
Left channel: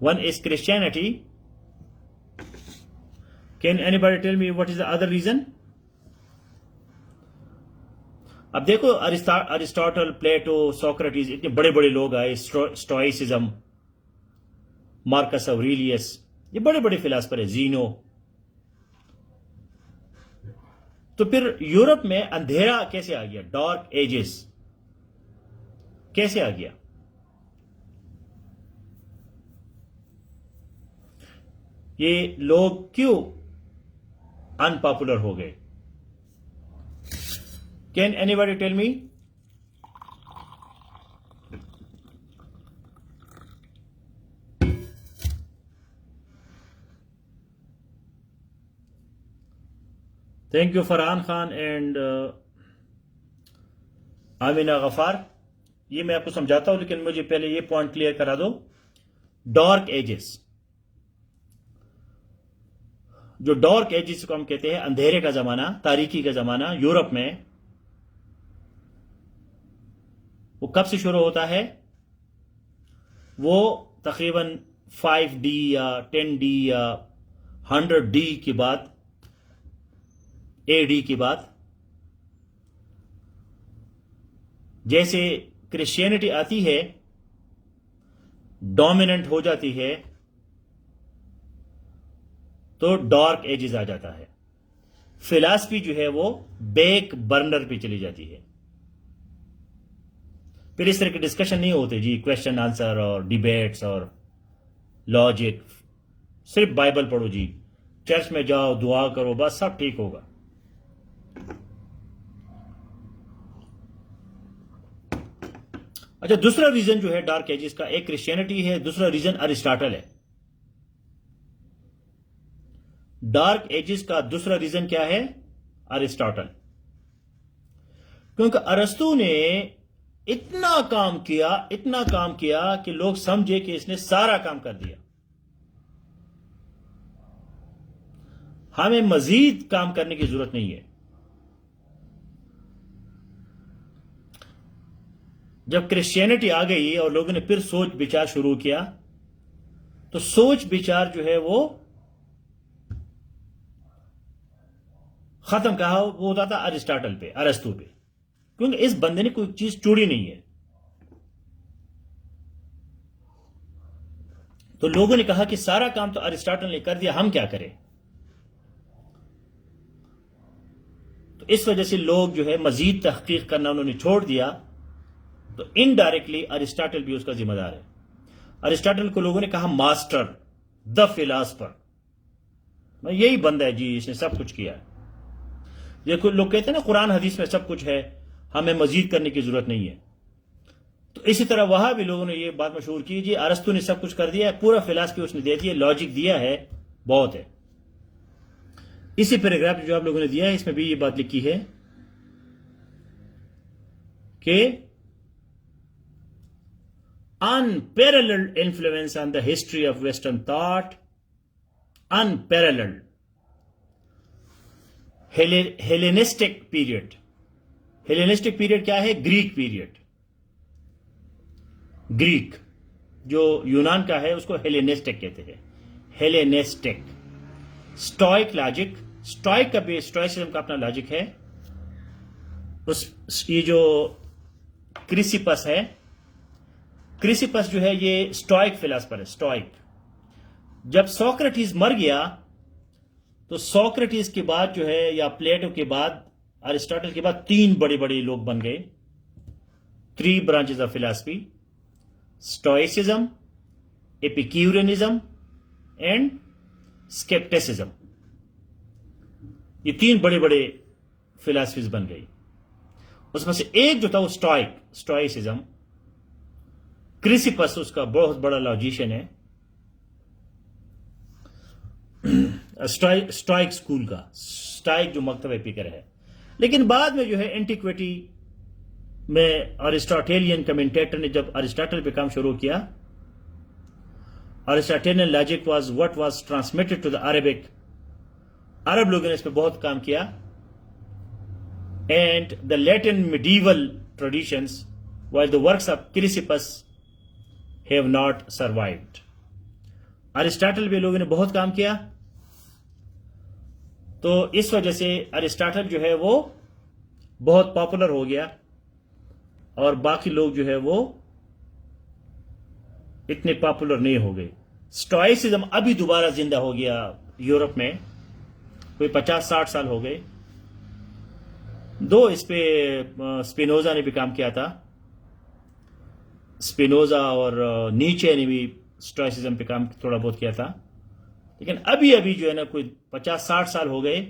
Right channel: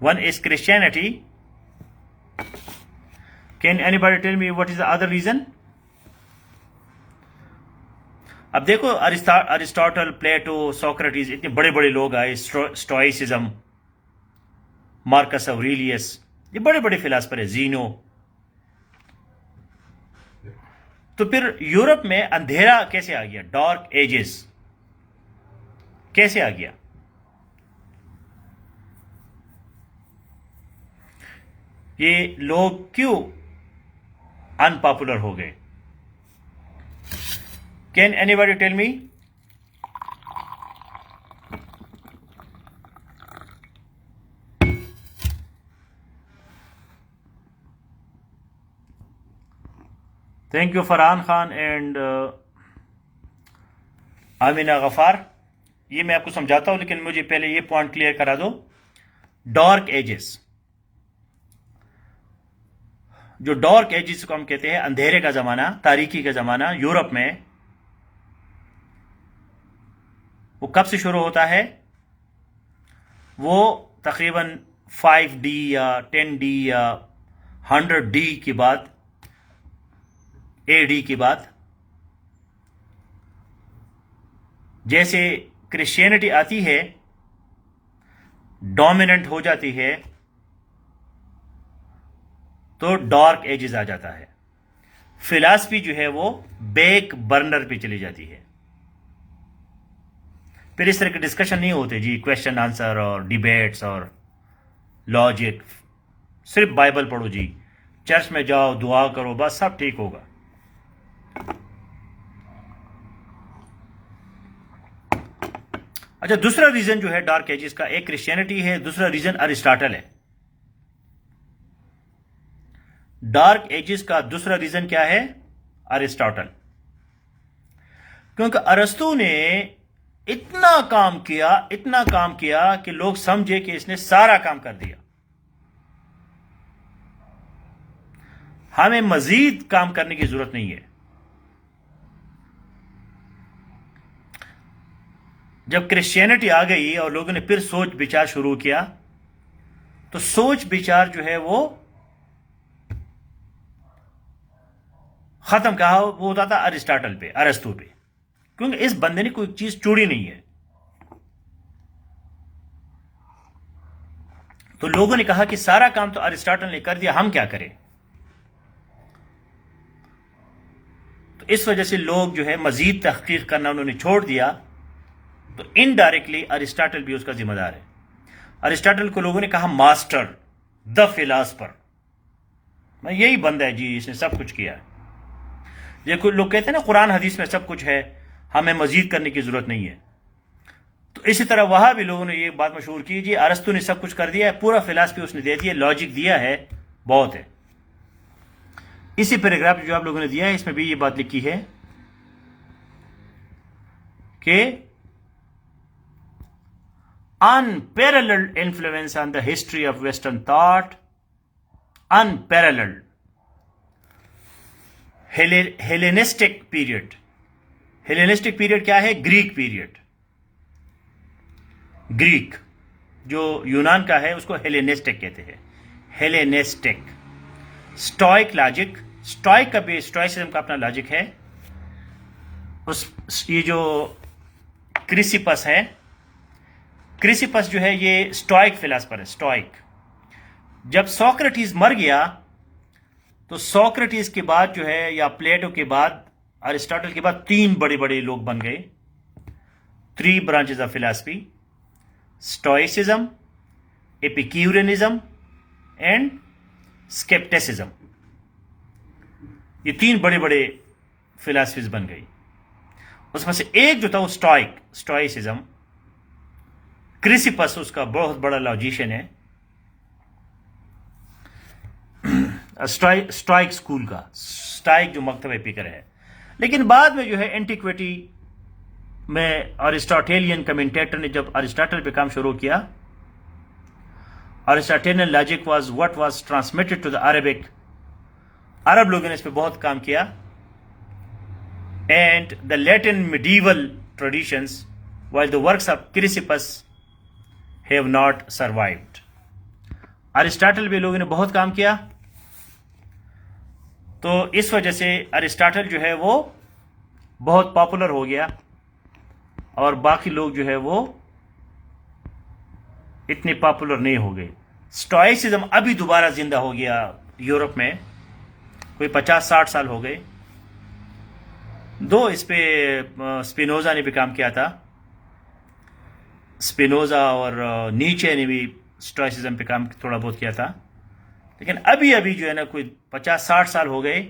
One is Christianity. Can anybody tell me what is the other reason? अब देखो अरिस्टोटल, प्लेटो, सोक्रेटिस, इतने बड़े बड़े लोग आए, स्टोइसिज्म, मार्कस ऑरेलियस, ये बड़े बड़े फिलासफर है, जीनो। तो फिर यूरोप में अंधेरा कैसे आ गया, डार्क एजेस कैसे आ गया? ये लोग क्यों अनपॉपुलर हो गए? Can anybody tell me? Thank you Farhan Khan and Amina Gaffar. ये मैं आपको समझाता हूं, लेकिन मुझे पहले ये पॉइंट क्लियर करा दो। डार्क एजेस, जो डार्क एजेस को हम कहते हैं, अंधेरे का जमाना, तारीकी का जमाना यूरोप में, वो कब से शुरू होता है? वो तकरीबन 5D या 10D या 100D की बात, AD की बात। जैसे क्रिश्चियनिटी आती है, डोमिनेंट हो जाती है, तो डार्क एजेस आ जाता है। फिलॉसफी जो है वो बैक बर्नर पे चली जाती है। फिर इस तरह के डिस्कशन नहीं होते जी, क्वेश्चन आंसर और डिबेट्स और लॉजिक। सिर्फ बाइबल पढ़ो जी, चर्च में जाओ, दुआ करो, बस सब ठीक होगा। अच्छा, दूसरा रीजन जो है डार्क एजेस का, एक क्रिश्चियनिटी है, दूसरा रीजन अरिस्टोटल है। डार्क एजेस का दूसरा रीजन क्या है? अरिस्टोटल। क्योंकि अरस्तु ने इतना काम किया कि लोग समझे कि इसने सारा काम कर दिया, हमें मजीद काम करने की जरूरत नहीं है। जब क्रिश्चियनिटी आ गई और लोगों ने फिर सोच विचार शुरू किया, तो सोच विचार जो है वो खत्म, कहा वो होता था अरिस्टोटल पे, अरस्तु पे, क्योंकि इस बंदे ने कोई चीज छोड़ी नहीं है। तो लोगों ने कहा कि सारा काम तो अरिस्टोटल ने कर दिया, हम क्या करें? तो इस वजह से लोग जो है मजीद तहकीक करना उन्होंने छोड़ दिया। तो इनडायरेक्टली अरिस्टोटल भी उसका जिम्मेदार है। अरिस्टोटल को लोगों ने कहा मास्टर, द फिलासफर, यही बंदा है जी, इसने सब कुछ किया है। ये कुछ लोग कहते हैं ना, कुरान हदीस में सब कुछ है, हमें मजीद करने की जरूरत नहीं है। तो इसी तरह वहां भी लोगों ने ये बात मशहूर की, जी अरस्तु ने सब कुछ कर दिया है, पूरा फिलासफी उसने दे दिया, लॉजिक दिया है, बहुत है। इसी पैराग्राफ जो आप लोगों ने दिया है, इसमें भी ये बात लिखी है कि unparalleled influence on the history of Western thought, unparalleled. Hellenistic period. Hellenistic period क्या है? Greek period. ग्रीक जो यूनान का है उसको हेलेनिस्टिक कहते हैं, हेलेनिस्टिक। स्टोइक लॉजिक, स्टोइक का भी, स्टोइसिज्म का अपना लॉजिक है। ये जो क्रिसिपस है, क्रिसिपस जो है ये स्टोइक फिलासफर है, स्टोइक। जब सोक्रेटिस मर गया, तो सोक्रेटिस के बाद जो है, या प्लेटो के बाद, अरिस्टोटल के बाद, तीन बड़े बड़े लोग बन गए। 3 branches of philosophy, stoicism, epicureanism and scepticism. ये 3 बड़े बड़े फिलासफीज बन गई। उसमें से एक जो था वो स्टोइसिज्म। क्रिसिपस उसका बहुत बड़ा लॉजिशियन है, स्टोइक स्कूल का, स्टोइक जो मकतब एपिकर है। लेकिन बाद में जो है एंटिक्विटी में अरिस्टोटेलियन कमेंटेटर ने जब अरिस्टोटल पे काम शुरू किया, Aristotelian logic was what was transmitted to the Arabic. अरब लोगों ने इस पे बहुत काम किया। And the Latin medieval traditions, while the works of Chrysippus have not survived. Aristotle भी लोगों ने बहुत काम किया, तो इस वजह से अरिस्टोटल जो है वो बहुत पॉपुलर हो गया और बाकी लोग जो है वो इतने पॉपुलर नहीं हो गए। स्टोइसिज्म अभी दोबारा जिंदा हो गया यूरोप में, कोई 50-60 साल हो गए। दो इस पे स्पिनोजा ने भी काम किया था, स्पिनोजा और नीचे ने भी स्टोइसिज्म पे काम थोड़ा बहुत किया था, लेकिन अभी अभी जो है ना कोई 50-60 साल हो गए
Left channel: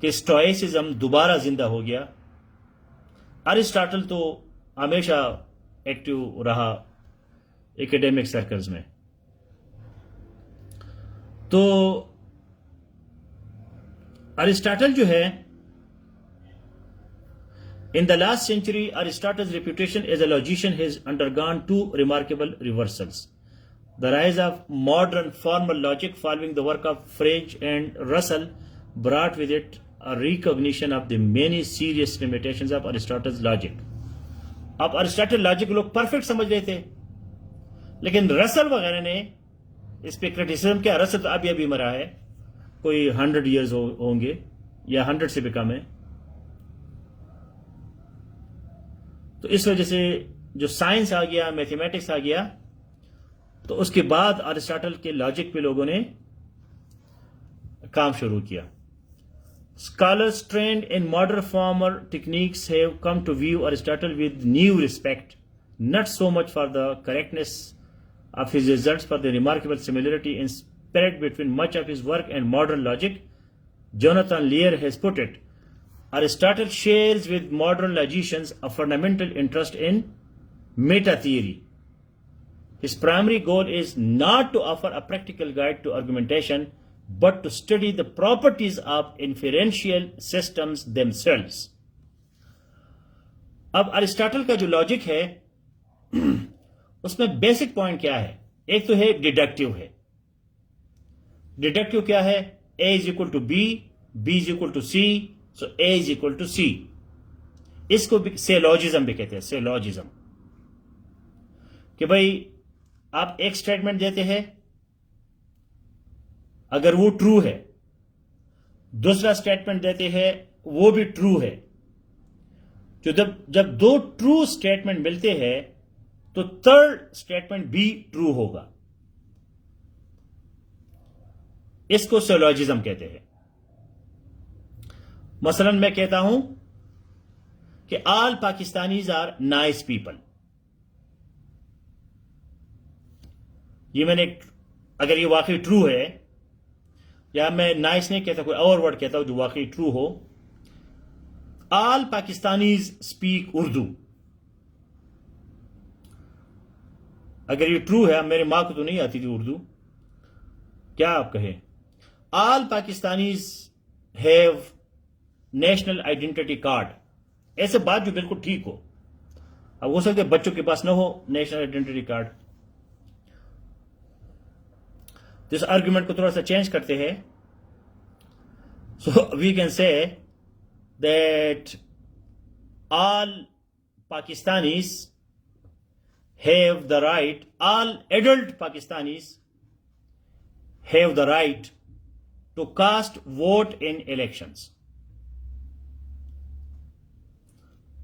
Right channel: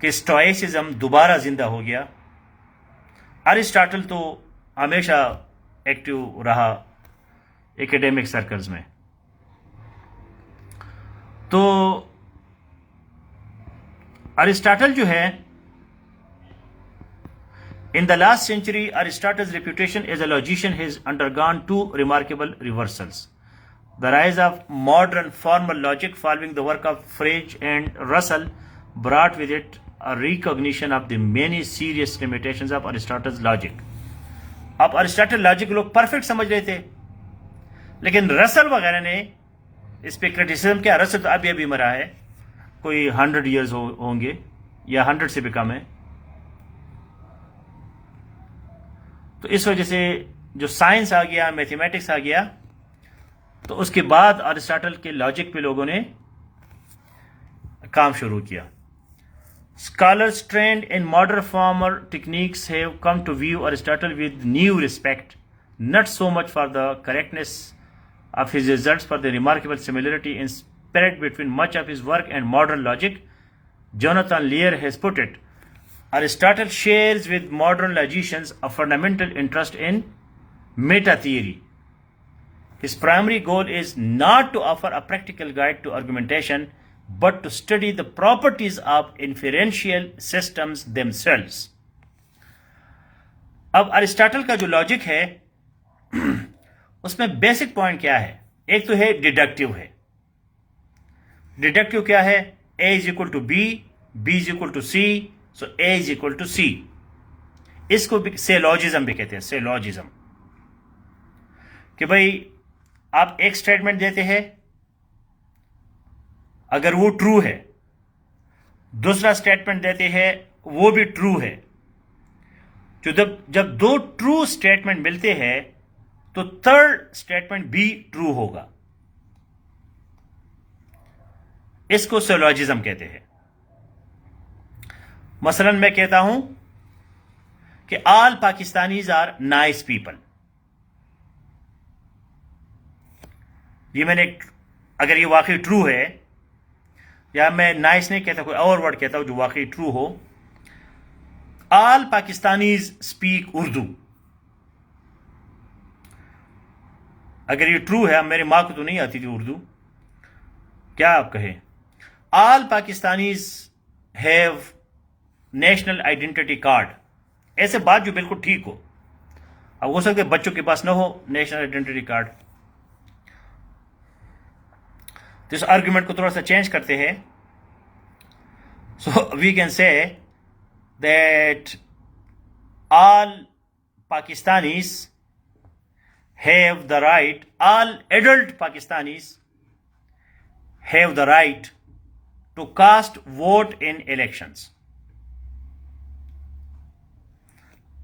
कि स्टोइसिज्म दोबारा जिंदा हो गया। अरिस्टोटल तो हमेशा एक्टिव रहा एकेडमिक सर्कल्स में। तो अरिस्टोटल जो है, in the last century, Aristotle's reputation as a logician has undergone two remarkable reversals. The rise of modern formal logic following the work of Frege and Russell brought with it a recognition of the many serious limitations of Aristotle's logic. अब Aristotle logic लोग perfect समझ रहे थे, लेकिन Russell वगैरह ने इस पे क्रिटिसिज्म किया। रसल तो अभी अभी मरा है, कोई 100 ईयर्स होंगे या 100 से भी कम है। तो इस वजह से जो साइंस आ गया, मैथमेटिक्स आ गया, तो उसके बाद अरिस्टोटल के लॉजिक पे लोगों ने काम शुरू किया। Scholars trained in modern former techniques have come to view Aristotle with new respect, not so much for the correctness of his results, but the remarkable similarity in spirit between much of his work and modern logic. Jonathan Lear has put it, Aristotle shares with modern logicians a fundamental interest in meta theory. His primary goal is not to offer a practical guide to argumentation, but to study the properties of inferential systems themselves. अब Aristotle का जो logic है उसमें basic point क्या है? एक तो है डिडक्टिव है। डिडक्टिव क्या है? A is equal to B, B is equal to C, so A is equal to C. इसको सेलॉजिज्म भी कहते हैं, सेलॉजिज्म, कि भाई आप एक स्टेटमेंट देते हैं, अगर वो ट्रू है, दूसरा स्टेटमेंट देते हैं वो भी ट्रू है, तो जब दो ट्रू स्टेटमेंट मिलते हैं तो थर्ड स्टेटमेंट भी ट्रू होगा। इसको सिलोजिज्म कहते हैं। मसलन मैं कहता हूं कि all Pakistanis are nice people. ये मैंने, अगर ये वाकई ट्रू है, या मैं नाइस नहीं कहता, कोई और वर्ड कहता हूं जो वाकई ट्रू हो, ऑल पाकिस्तानीज स्पीक उर्दू। अगर ये ट्रू है, मेरे मां को तो नहीं आती थी उर्दू, क्या आप कहें? All Pakistanis have national identity card. ऐसे बात जो बिल्कुल ठीक हो। अब हो सकता है बच्चों के पास ना हो नेशनल आइडेंटिटी कार्ड, तो इस आर्ग्यूमेंट को थोड़ा सा चेंज करते हैं। So we can say that all Pakistanis have the right, all adult Pakistanis have the right to cast vote in elections.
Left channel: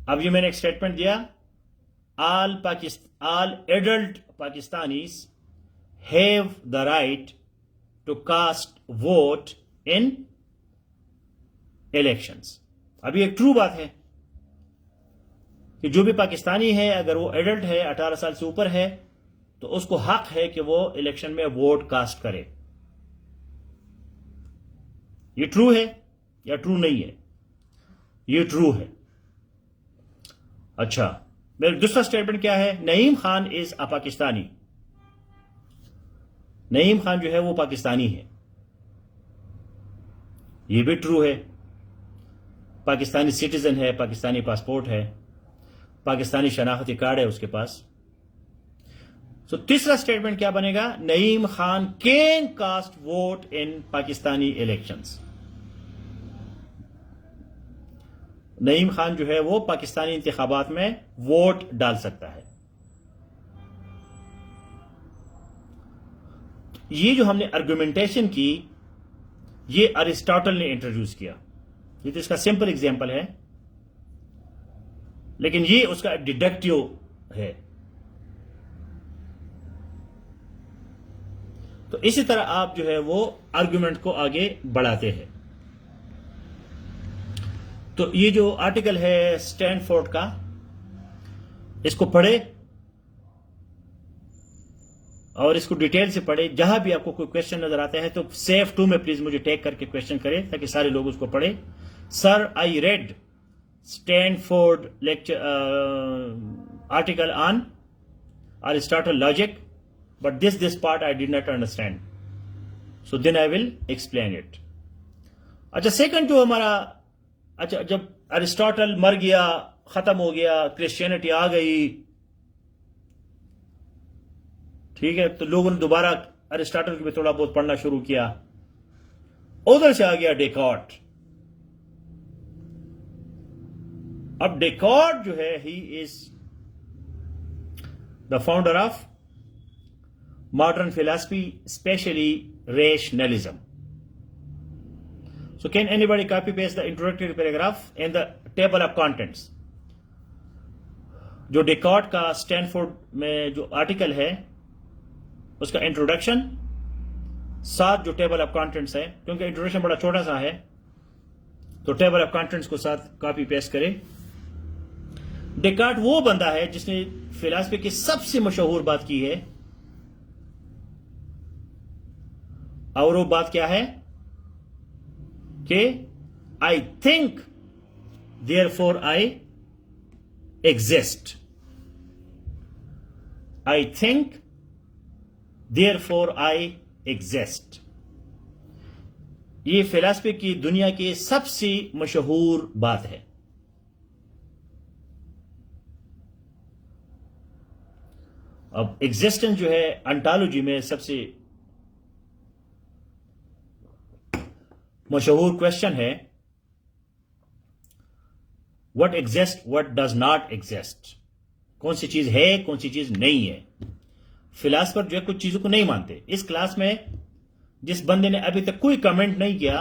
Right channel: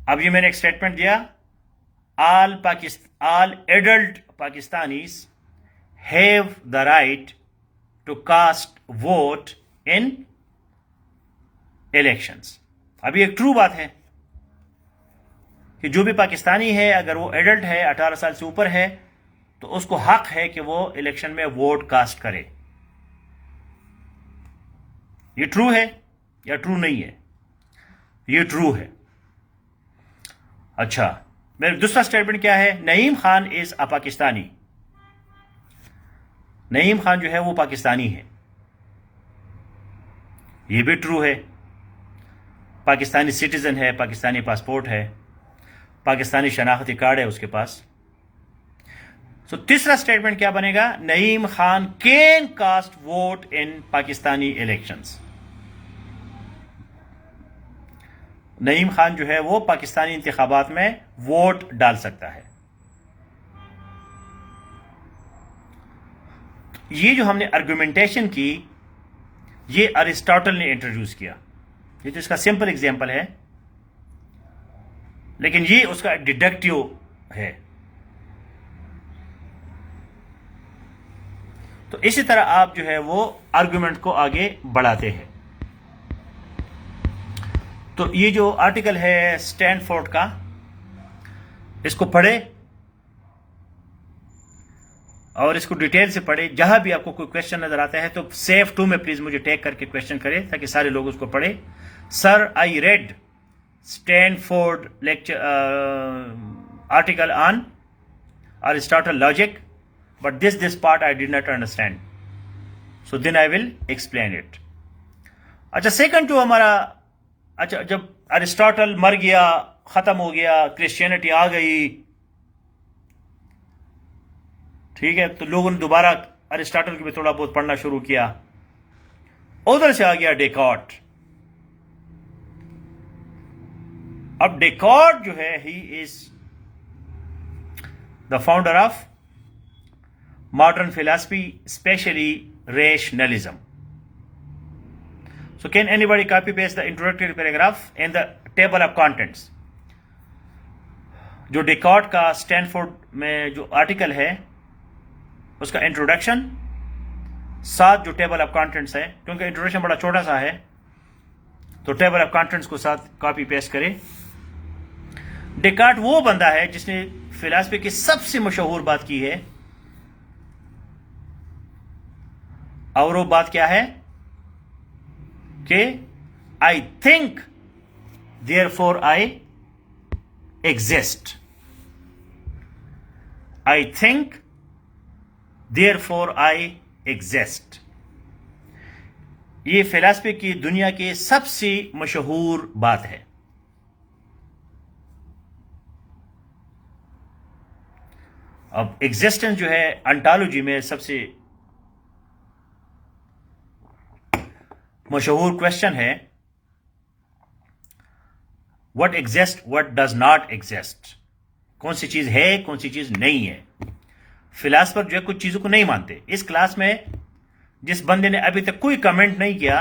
अब ये मैंने एक स्टेटमेंट दिया, all adult Pakistanis have the right to cast vote in elections। अभी एक true बात है कि जो भी पाकिस्तानी है, अगर वो एडल्ट है, 18 साल से ऊपर है, तो उसको हक है कि वो इलेक्शन में वोट कास्ट करे। ये ट्रू है या ट्रू नहीं है? ये ट्रू है। अच्छा, मेरा दूसरा स्टेटमेंट क्या है? Naeem Khan is a Pakistani. नईम खान जो है वो पाकिस्तानी है, ये भी ट्रू है। पाकिस्तानी सिटीजन है, पाकिस्तानी पासपोर्ट है, पाकिस्तानी शनाख्ती कार्ड है उसके पास। सो तीसरा स्टेटमेंट क्या बनेगा? Naeem Khan can cast vote in Pakistani elections. Naeem Khan जो है वो पाकिस्तानी इंतखाबात में वोट डाल सकता है। ये जो हमने आर्गुमेंटेशन की, ये अरिस्टोटल ने इंट्रोड्यूस किया। ये तो इसका सिंपल एग्जांपल है लेकिन ये उसका डिडक्टिव है। तो इसी तरह आप जो है वो आर्गुमेंट को आगे बढ़ाते हैं। तो ये जो आर्टिकल है स्टैनफोर्ड का, इसको पढ़े और इसको डिटेल से पढ़े। जहां भी आपको कोई क्वेश्चन नजर आता है तो सेव टू में प्लीज मुझे टैग करके क्वेश्चन करें ताकि सारे लोग उसको पढ़े। Sir, I read Stanford lecture article on Aristotle logic, but this part I did not understand. So then I will explain it. अच्छा, सेकंड जो हमारा, अच्छा, जब अरिस्टोटल मर गया, खत्म हो गया, क्रिश्चियनिटी आ गई, ठीक है, तो लोगों ने दोबारा अरिस्टोटल को भी थोड़ा बहुत पढ़ना शुरू किया। उधर से आ गया डेकार्ट। अब डेकार्ट जो है, he is the founder of modern philosophy, especially rationalism. So can anybody copy paste the introductory paragraph in the table of contents? जो डेकार्ट का स्टैनफोर्ड में जो आर्टिकल है उसका इंट्रोडक्शन, साथ जो टेबल ऑफ कंटेंट्स है, क्योंकि इंट्रोडक्शन बड़ा छोटा सा है तो टेबल ऑफ कंटेंट्स को साथ कॉपी पेस्ट करें। डेकार्ट वो बंदा है जिसने फिलॉसफी की सबसे मशहूर बात की है, और वो बात क्या है कि I think therefore I exist. I think therefore I exist. ये फिलॉसफी की दुनिया की सबसे मशहूर बात है। अब एग्जिस्टेंस जो है अंटोलॉजी में सबसे मशहूर क्वेश्चन है, what exist, what does not exist. कौन सी चीज है, कौन सी चीज नहीं है। फिलॉसफर जो है कुछ चीजों को नहीं मानते। इस क्लास में जिस बंदे ने अभी तक कोई कमेंट नहीं किया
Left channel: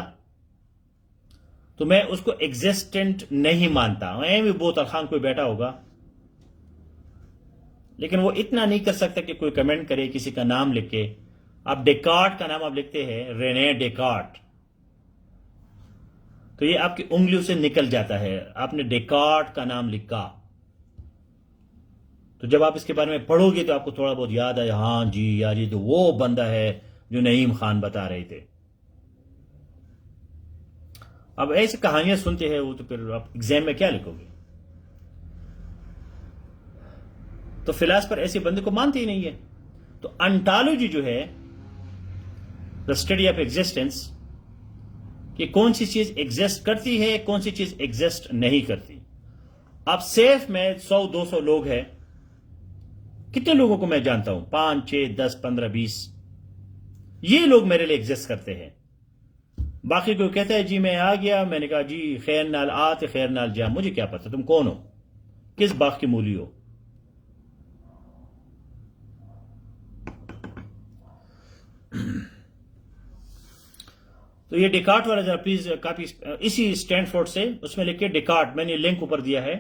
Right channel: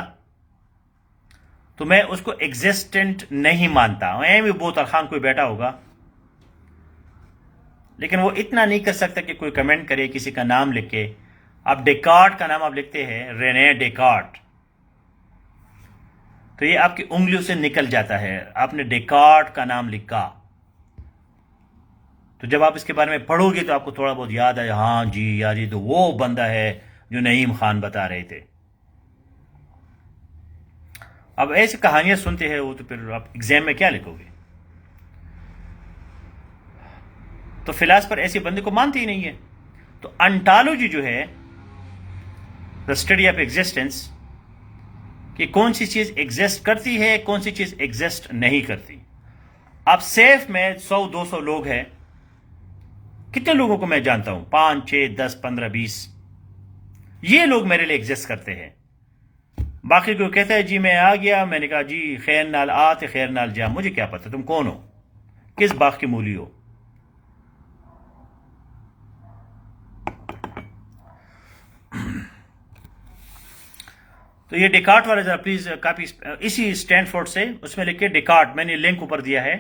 तो मैं उसको एग्जिस्टेंट नहीं मानता। मैं भी बोतल खान कोई बैठा होगा, लेकिन वो इतना नहीं कर सकता कि कोई कमेंट करे किसी का नाम लिख के। आप डेकार्ट का नाम आप लिखते हैं, रेने डेकार्ट, तो ये आपकी उंगलियों से निकल जाता है। आपने डेकार्ट का नाम लिखा, तो जब आप इसके बारे में पढ़ोगे तो आपको थोड़ा बहुत याद आए, हाँ जी यार ये तो वो बंदा है जो नईम खान बता रहे थे। अब ऐसी कहानियां सुनते हैं वो, तो फिर आप एग्जाम में क्या लिखोगे। तो फिलॉसफर ऐसे बंदे को मानते ही नहीं है। तो अंटोलॉजी जो है, द स्टडी ऑफ एग्जिस्टेंस, कि कौन सी चीज एग्जिस्ट करती है, कौन सी चीज एग्जिस्ट नहीं करती। आप सेफ में 100-200 लोग हैं, कितने लोगों को मैं जानता हूं, 5, 6, 10, 15, 20, ये लोग मेरे लिए एग्जिस्ट करते हैं। बाकी कोई कहता है जी मैं आ गया, मैंने कहा जी खैर नाल आते खैर नाल जा, मुझे क्या पता तुम कौन हो, किस बाग की मूली हो। तो ये डेकार्ट वाला जरा प्लीज कॉपी, इसी स्टैनफोर्ड से, उसमें लिखे डेकार्ट, मैंने लिंक ऊपर दिया है।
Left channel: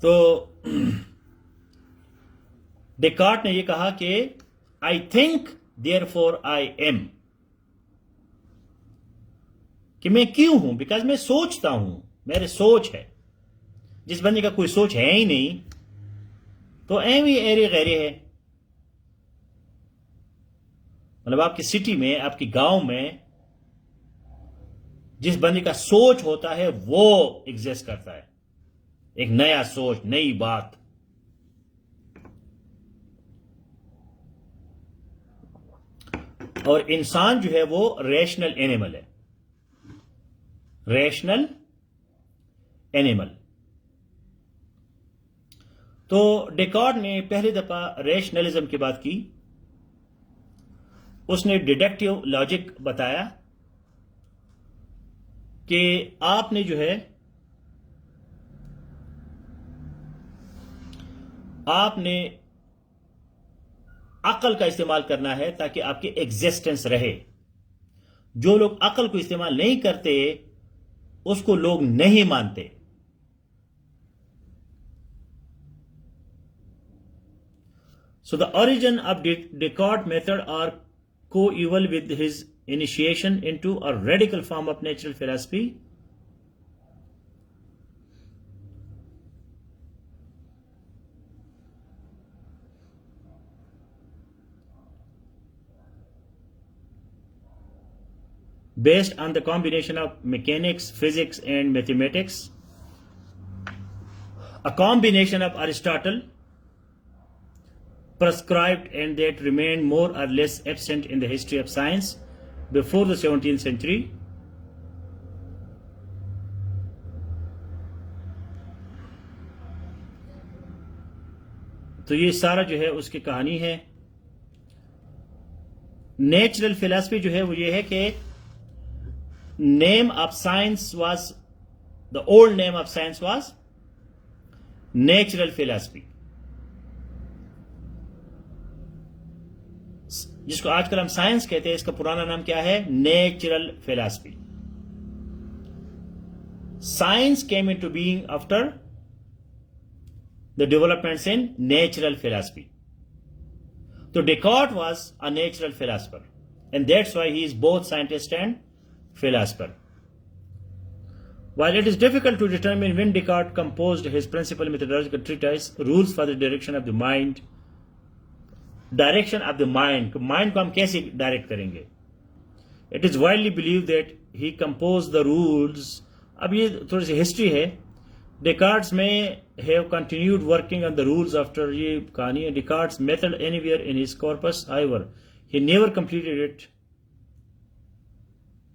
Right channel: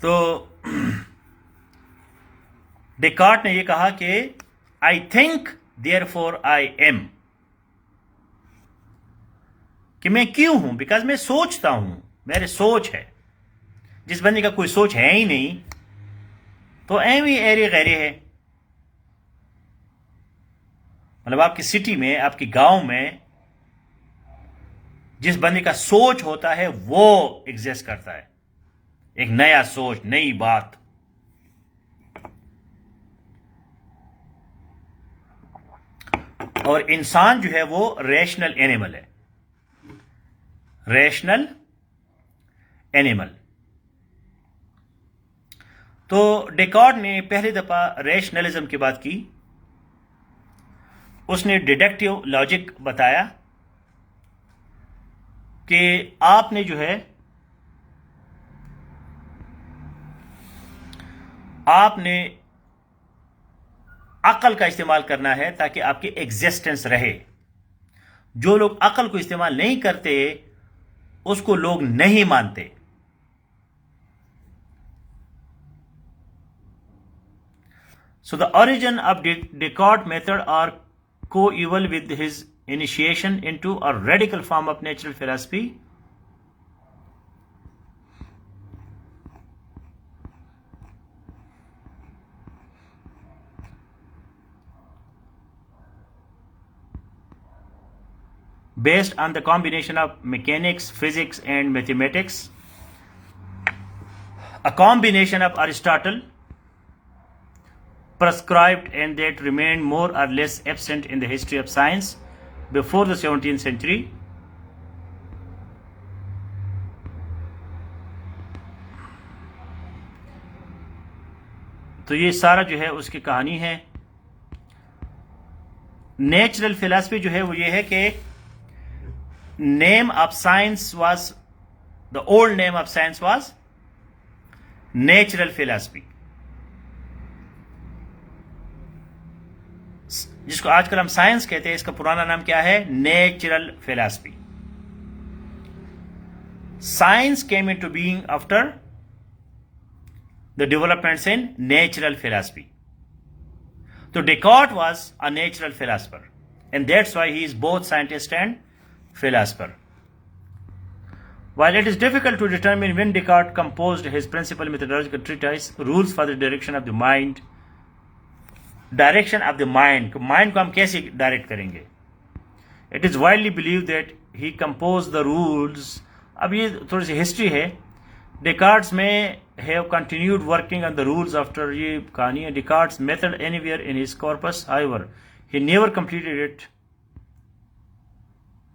तो डेकार्ट ने ये कहा कि I think therefore I am, कि मैं क्यों हूं, बिकॉज मैं सोचता हूं, मेरी सोच है। जिस बंदे का कोई सोच है ही नहीं तो एवी एरे गैरे है। मतलब आपकी सिटी में, आपकी गांव में जिस बंदे का सोच होता है वो एग्जिस्ट करता है, एक नया सोच, नई बात। और इंसान जो है वो रैशनल एनिमल है, रैशनल एनिमल। तो डेकार्ट ने पहली दफा रैशनलिज्म की बात की। उसने डिडक्टिव लॉजिक बताया कि आपने जो है, आपने अकल का इस्तेमाल करना है ताकि आपकी एग्जिस्टेंस रहे। जो लोग अकल को इस्तेमाल नहीं करते उसको लोग नहीं मानते। So the origin of Descartes' method are coeval with his initiation into a radical form of natural philosophy. Based on the combination of mechanics, physics, and mathematics, a combination of Aristotle prescribed and that remained more or less absent in the history of science before the 17th century. तो ये सारा जो है उसकी कहानी है। Natural philosophy जो है वो ये है कि name of science was, the old name of science was natural philosophy, जिसको आजकल हम साइंस कहते हैं, इसका पुराना नाम क्या है? Natural philosophy. Science came into being after the developments in natural philosophy. तो Descartes was a natural philosopher and that's why he is both scientist and philosopher. While it is difficult to determine when Descartes composed his principal methodological treatise, Rules for the Direction of the Mind, direction of the mind, mind को हम कैसे direct करेंगे? It is widely believed that he composed the rules. अब ये थोड़ी सी history है। Descartes में have continued working on the rules after ये कहानी है। Descartes' method anywhere in his corpus, however, he never completed it.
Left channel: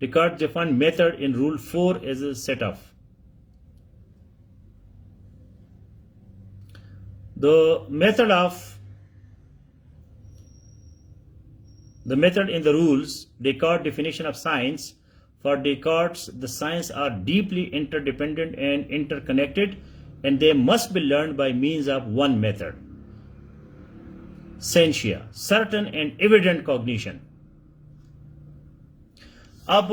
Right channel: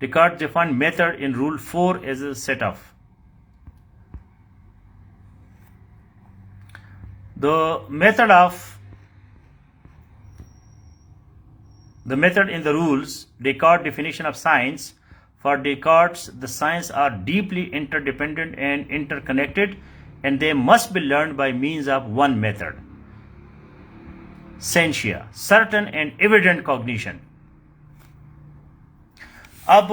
Descartes defined method in Rule 4 as a set of the method in the rules. Descartes' definition of science. For Descartes, the sciences are deeply interdependent and interconnected, and they must be learned by means of one method: scientia, certain and evident cognition. अब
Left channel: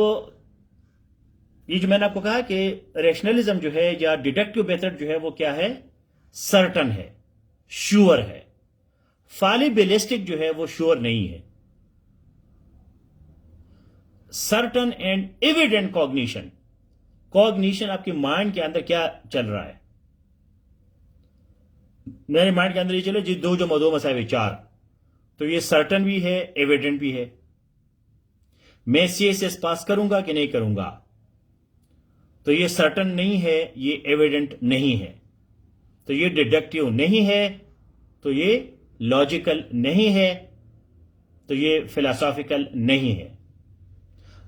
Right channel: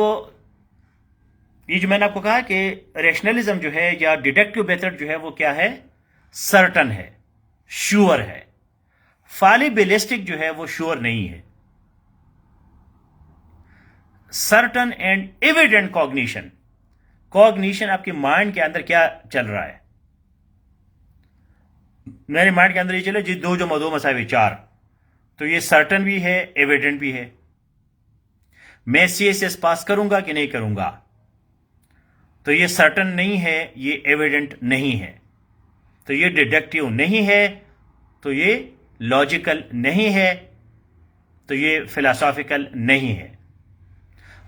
ये जो मैंने आपको कहा कि rationalism जो है या डिडक्टिव मेथड जो है वो क्या है? सर्टन है, श्योर है। फालिबिलिस्टिक जो है वो श्योर नहीं है। Certain and evident cognition, cognition आपके माइंड के अंदर क्या चल रहा है? मेरे माइंड के अंदर ये चले जी 2 + 2 = 4, तो ये सर्टन भी है, एविडेंट भी है। मैं CSS पास करूंगा कि नहीं करूंगा, तो ये सर्टन नहीं है, ये एविडेंट नहीं है, तो ये डिडक्टिव नहीं है, तो ये लॉजिकल नहीं है, तो ये फिलोसॉफिकल नहीं है।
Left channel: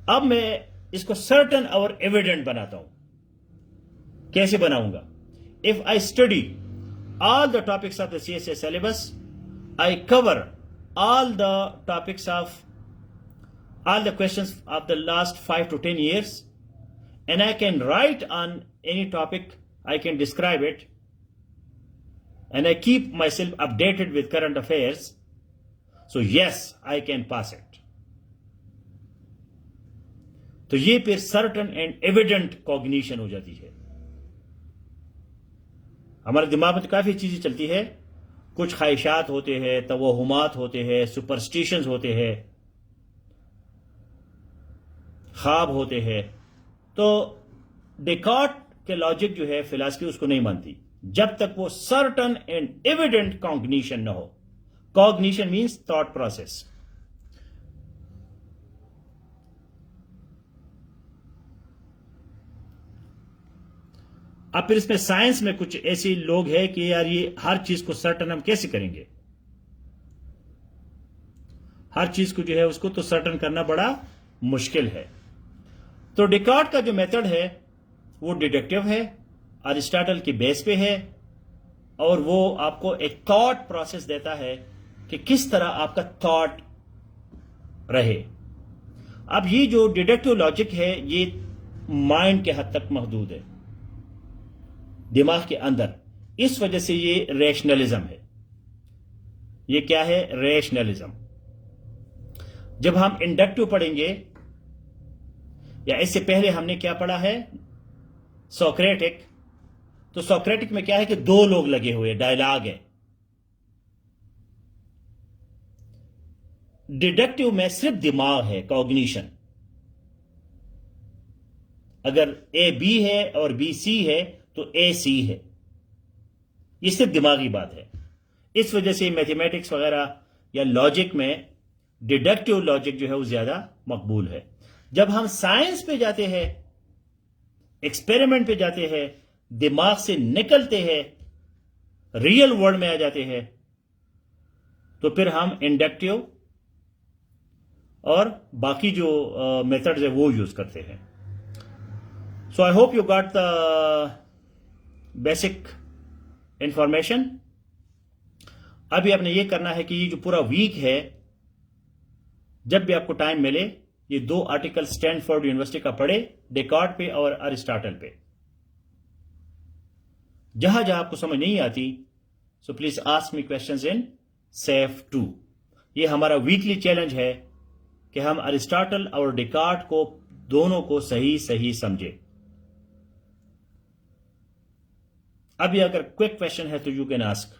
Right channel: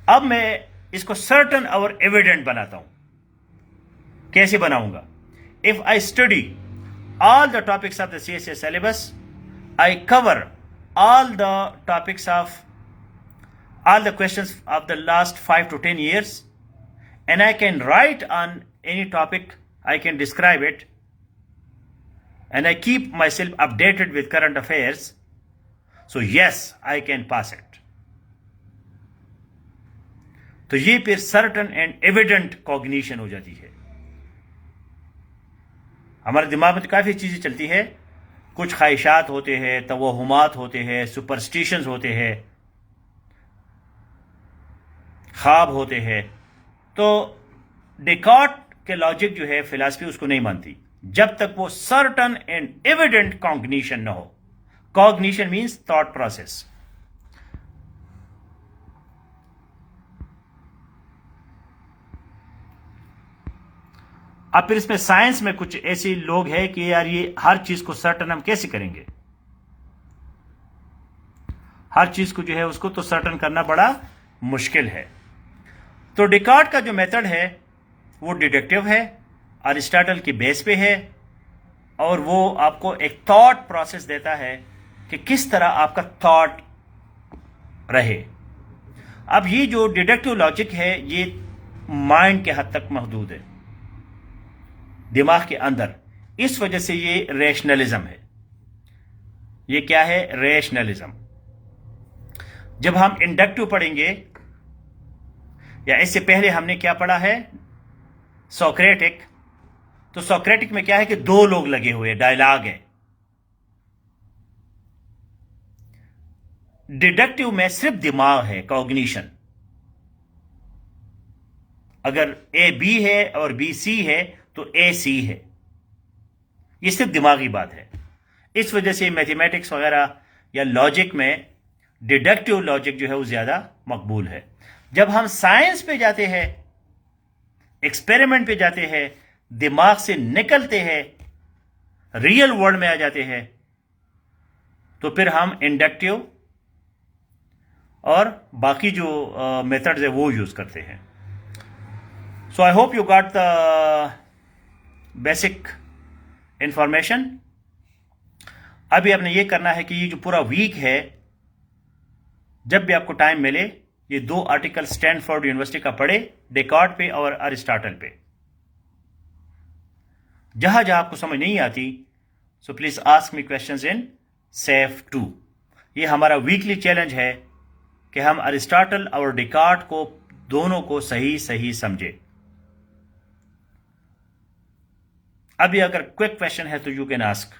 अब मैं इसको सर्टन और एविडेंट बनाता हूं। कैसे बनाऊंगा? If I study all the topics of the CSS syllabus, I cover all the topics of all the questions of the last 5 to 10 years, and I can write on any topic, I can describe it, and I keep myself updated with current affairs, so yes, I can pass it. तो ये फिर certain and evident cognition हो जाती है। हमारे दिमाग में तो काफी चीजें चलती है, कुछ ख्वाहिशात होते हैं, तवहुमात होते हैं, सुपरस्टिशंस होते हैं, ख्वाब होते हैं। तो डेकार्ट के लॉजिक जो है फिलॉसफी उसको नहीं मानती जब तक वो सर्टन एंड एविडेंट कॉग्निशन न हो। Cognition means thought process. अब फिर इसमें साइंस में कुछ ऐसे लोग हैं कि यार ये हर चीज को सर्टन हम कैसे करेंगे? हर चीज को जो है उसको तो सर्टन करना बड़ा मुश्किल है। तो डेकार्ट का जो मेथड है वो डिडक्टिव है, अरिस्टोटल की बेस पे है, और वो आपको एक थॉट प्रोसेस देता है कि किस तरह आपका थॉट रहे। अब ये जो डिडक्टिव लॉजिक है ये माइंड के हद तक महदूद है, दिमाग के अंदर। इस वजह से ये रैशनलिज्म है। ये क्या है? रैशनलिज्म। जब हम इंडक्टिव पढ़ेंगे या इससे पहले हमने क्या पढ़ा है, सोक्रेटिक। तो सोक्रेटिक में क्या है कि दो लोग लगे हुए, डायलॉग है। डिडक्टिव में सिर्फ दिमाग है, कॉग्निशन। अगर ए बी है और बी सी है तो ए सी है, ये सिर्फ दिमागी बात है। इस वजह से मैथमेटिक्स वगैरह या लॉजिक में डिडक्टिव लॉजिक जो है वो ज्यादा मकबूल है। जब हम साइंस पे जाते हैं, एक्सपेरिमेंट पे जाते हैं, दिमाग से निकलते हैं, रियल वर्ल्ड में आ जाते हैं, तो फिर हम इंडक्टिव और बाकी जो मेथड्स है वो यूज करते हैं। So I hope you got the basic information. अभी आपने ये करना है कि ये जो पूरा वीक है, जब भी आपको टाइम मिले, ये 2 आर्टिकल स्टैनफोर्ड यूनिवर्सिटी का पढ़े, डेकार्ट पे और अरिस्टोटल पे। जहां जहां आपको समझ नहीं आती, so please ask me questions in safe 2। ये हमारा वीकली चैलेंज है कि हम अरिस्टोटल और डेकार्ट को दोनों को सही सही समझे। अभी अगर क्विक क्वेश्चन है तो यू कैन आस्क।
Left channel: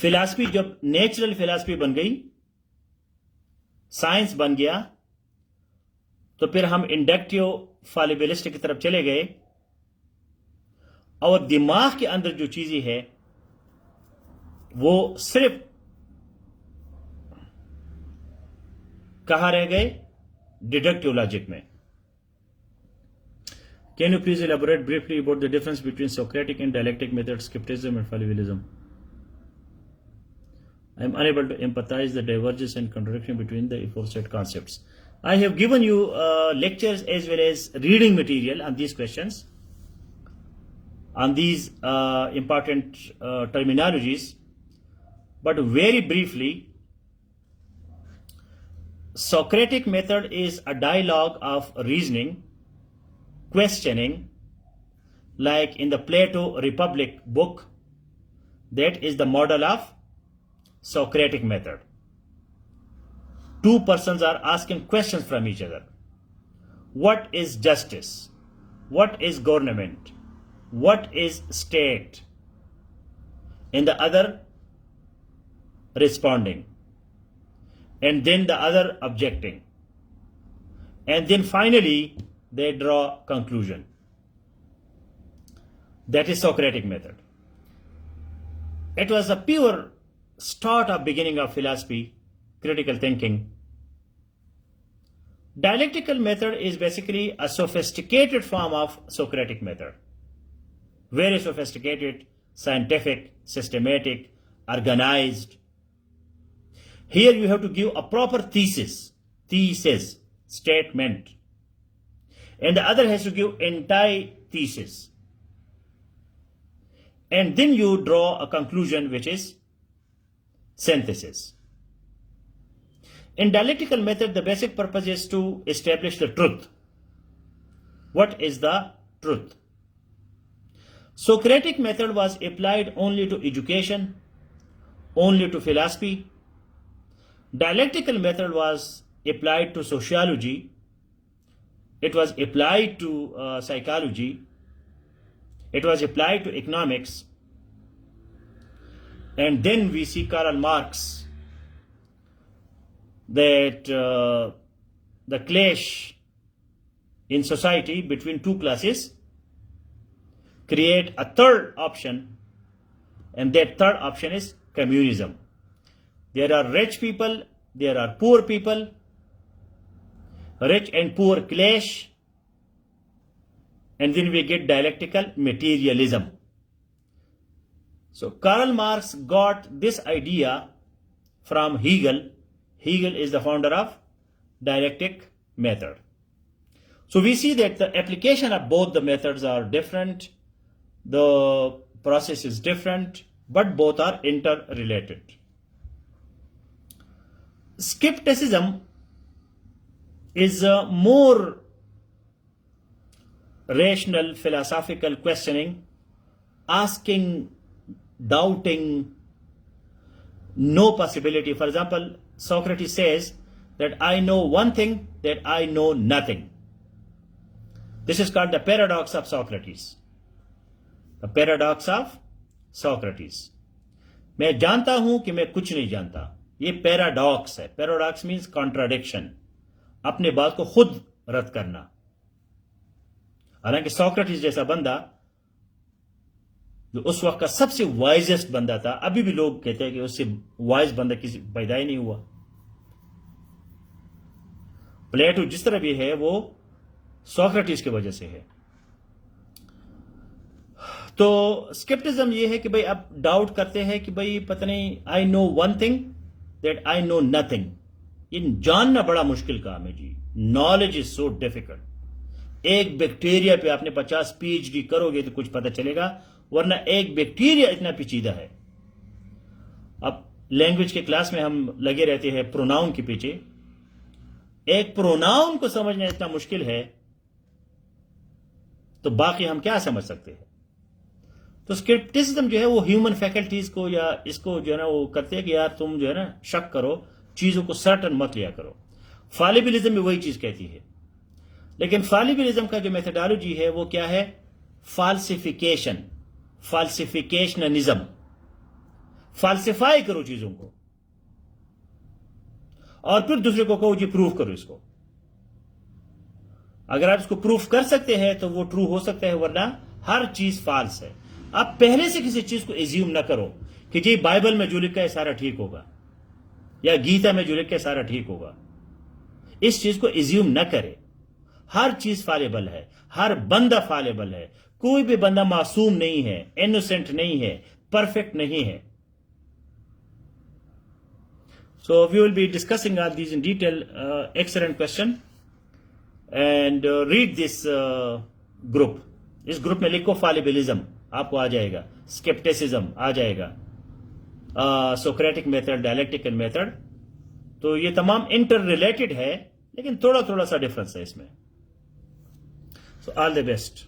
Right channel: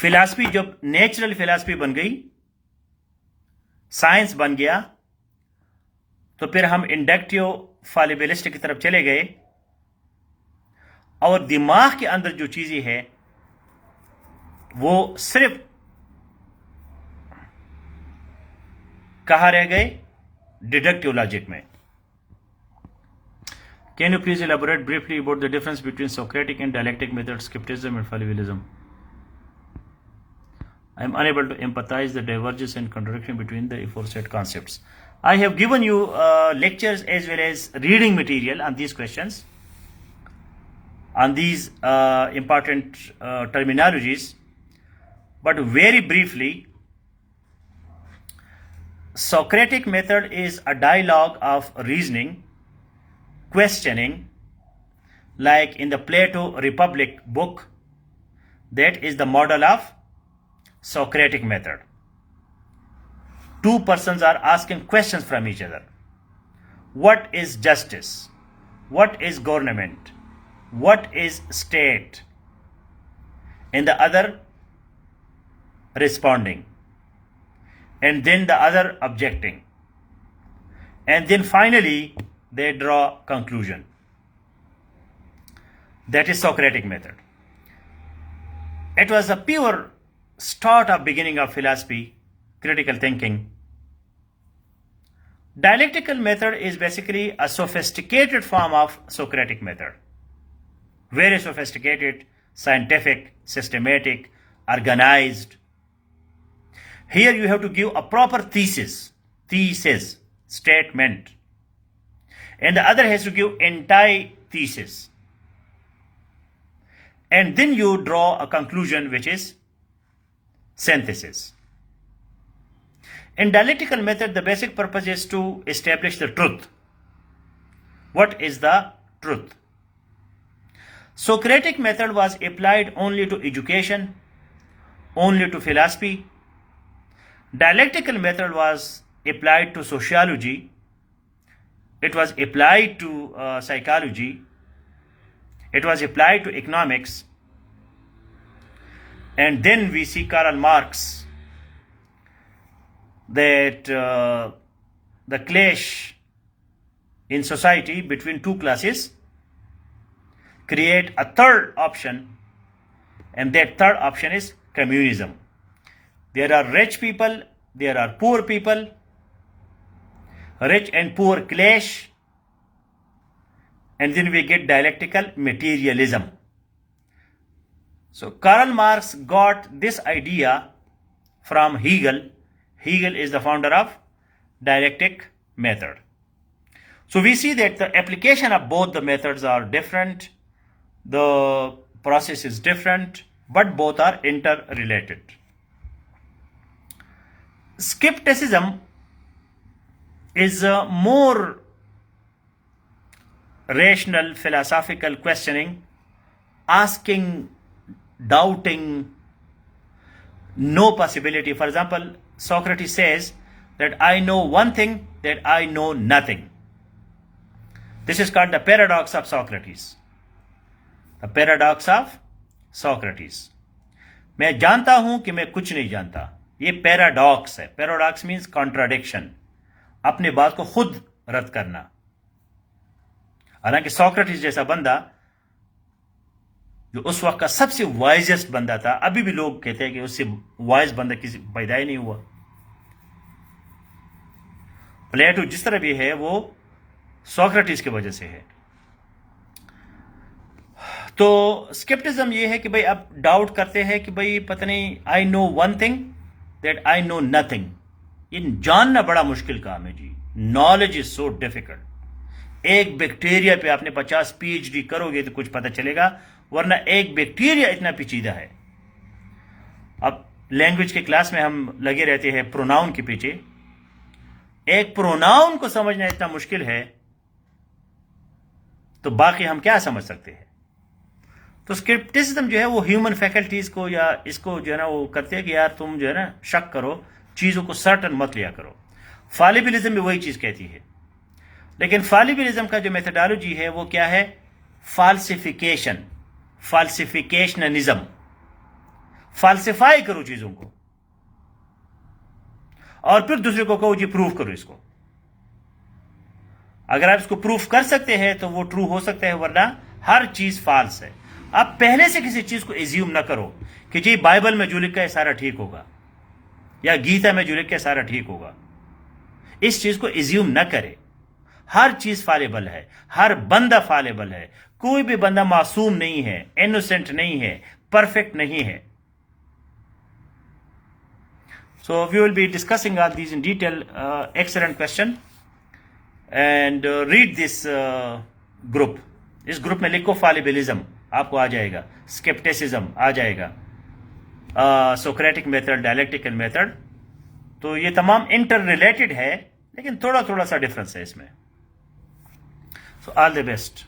फिलॉसफी जब नेचुरल फिलॉसफी बन गई, साइंस बन गया, तो फिर हम इंडक्टिव फॉलिबिलिस्ट की तरफ चले गए, और दिमाग के अंदर जो चीजें है वो सिर्फ कहां रह गए, डिडक्टिव लॉजिक में। Can you please elaborate briefly about the difference between Socratic and dialectic method, scepticism and fallibilism? I am unable to empathize the divergence and contradiction between the aforesaid concepts. I have given you lectures as well as reading material on these questions, on these important terminologies, but very briefly, Socratic method is a dialogue of reasoning, questioning, like in the Plato Republic book. That is the model of Socratic method. Two persons are asking questions from each other. What is justice? What is government? What is state? And the other responding. And then the other objecting. And then finally they draw conclusion. That is Socratic method. It was the pure start of beginning of philosophy, critical thinking. Dialectical method is basically a sophisticated form of Socratic method. Very sophisticated, scientific, systematic, organized. Here you have to give a proper thesis, statement. And the other has to give antithesis. And then you draw a conclusion which is synthesis. In dialectical method, the basic purpose is to establish the truth. What is the truth? Socratic method was applied only to education, only to philosophy. Dialectical method was applied to sociology. It was applied to psychology. It was applied to economics. And then we see Karl Marx, that the clash in society between two classes create a third option, and that third option is communism. There are rich people, there are poor people, rich and poor clash, and then we get dialectical materialism. So Karl Marx got this idea from Hegel. Hegel is the founder of dialectic method. So we see that the application of both the methods are different, the process is different, but both are interrelated. Skepticism is more rational philosophical questioning, asking, doubting, no possibility. For example, Socrates says that I know one thing, that I know nothing. This is called the paradox of Socrates. The paradox of Socrates. मैं जानता हूं कि मैं कुछ नहीं जानता. ये paradox है. पैराडॉक्स मीन्स कॉन्ट्राडिक्शन, अपने बात को खुद रद्द करना. हालांकि सोक्रेटिस जैसा बंदा, जो उस वक्त का सबसे वाइजेस्ट बंदा था, अभी भी लोग कहते हैं कि उससे वाइज बंदा किसी पैदा ही नहीं हुआ. प्लेटो जिस तरह भी है वो सोक्रेटिस की वजह से है. तो स्केप्टिज्म ये है कि भाई आप डाउट करते हैं कि भाई पता नहीं, I know one thing, that I know nothing. ये जानना बड़ा मुश्किल काम है जी. Knowledge is so difficult. एक बैक्टीरिया पे आपने 50 PhD करोगे तो कुछ पता चलेगा, वरना एक बैक्टीरिया इतना पेचीदा है. अब लैंग्वेज के क्लास में हम लगे रहते हैं प्रोनाउन के पीछे. एक प्रोनाउन को समझना इतना मुश्किल है, तो बाकी हम क्या समझ सकते हैं. तो स्केप्टिसिज्म जो है वो ह्यूमन फैकल्टीज को या इसको जो है ना वो करते हैं कि यार तुम जो है ना शक करो, चीजों को सर्टन मत लिया करो. फालिबिलिज्म भी वही चीज कहती है. लेकिन फालिबिलिज्म का जो मेथोडोलॉजी है वो क्या है? फाल्सिफिकेशन, फाल्सिफिकेशनिज्म. फाल्सिफाई करो चीजों को और फिर दूसरे को कहो जी प्रूफ करो इसको. अगर आप इसको प्रूफ कर सकते हैं तो वो ट्रू हो सकता है, वरना हर चीज फाल्स है. आप पहले से किसी चीज को एज्यूम ना करो कि जी बाइबल में जो लिखा है सारा ठीक होगा या गीता में जो लिखा है सारा ठीक होगा. इस चीज को एज्यूम ना करे. हर चीज फालेबल है, हर बंदा फालेबल है. कोई भी बंदा मासूम नहीं है, इनोसेंट नहीं है, परफेक्ट नहीं है. So we will be discussing all these in detail. Excellent question. And read this group. इस ग्रुप में लिखो फालिबिलिज्म, आपको आ जाएगा. स्केप्टिसिज्म आ जाएगा. Socratic method, dialectical method. तो ये तमाम इंटर रिलेटेड है, लेकिन थोड़ा थोड़ा सा डिफरेंस है इसमें. So all the best.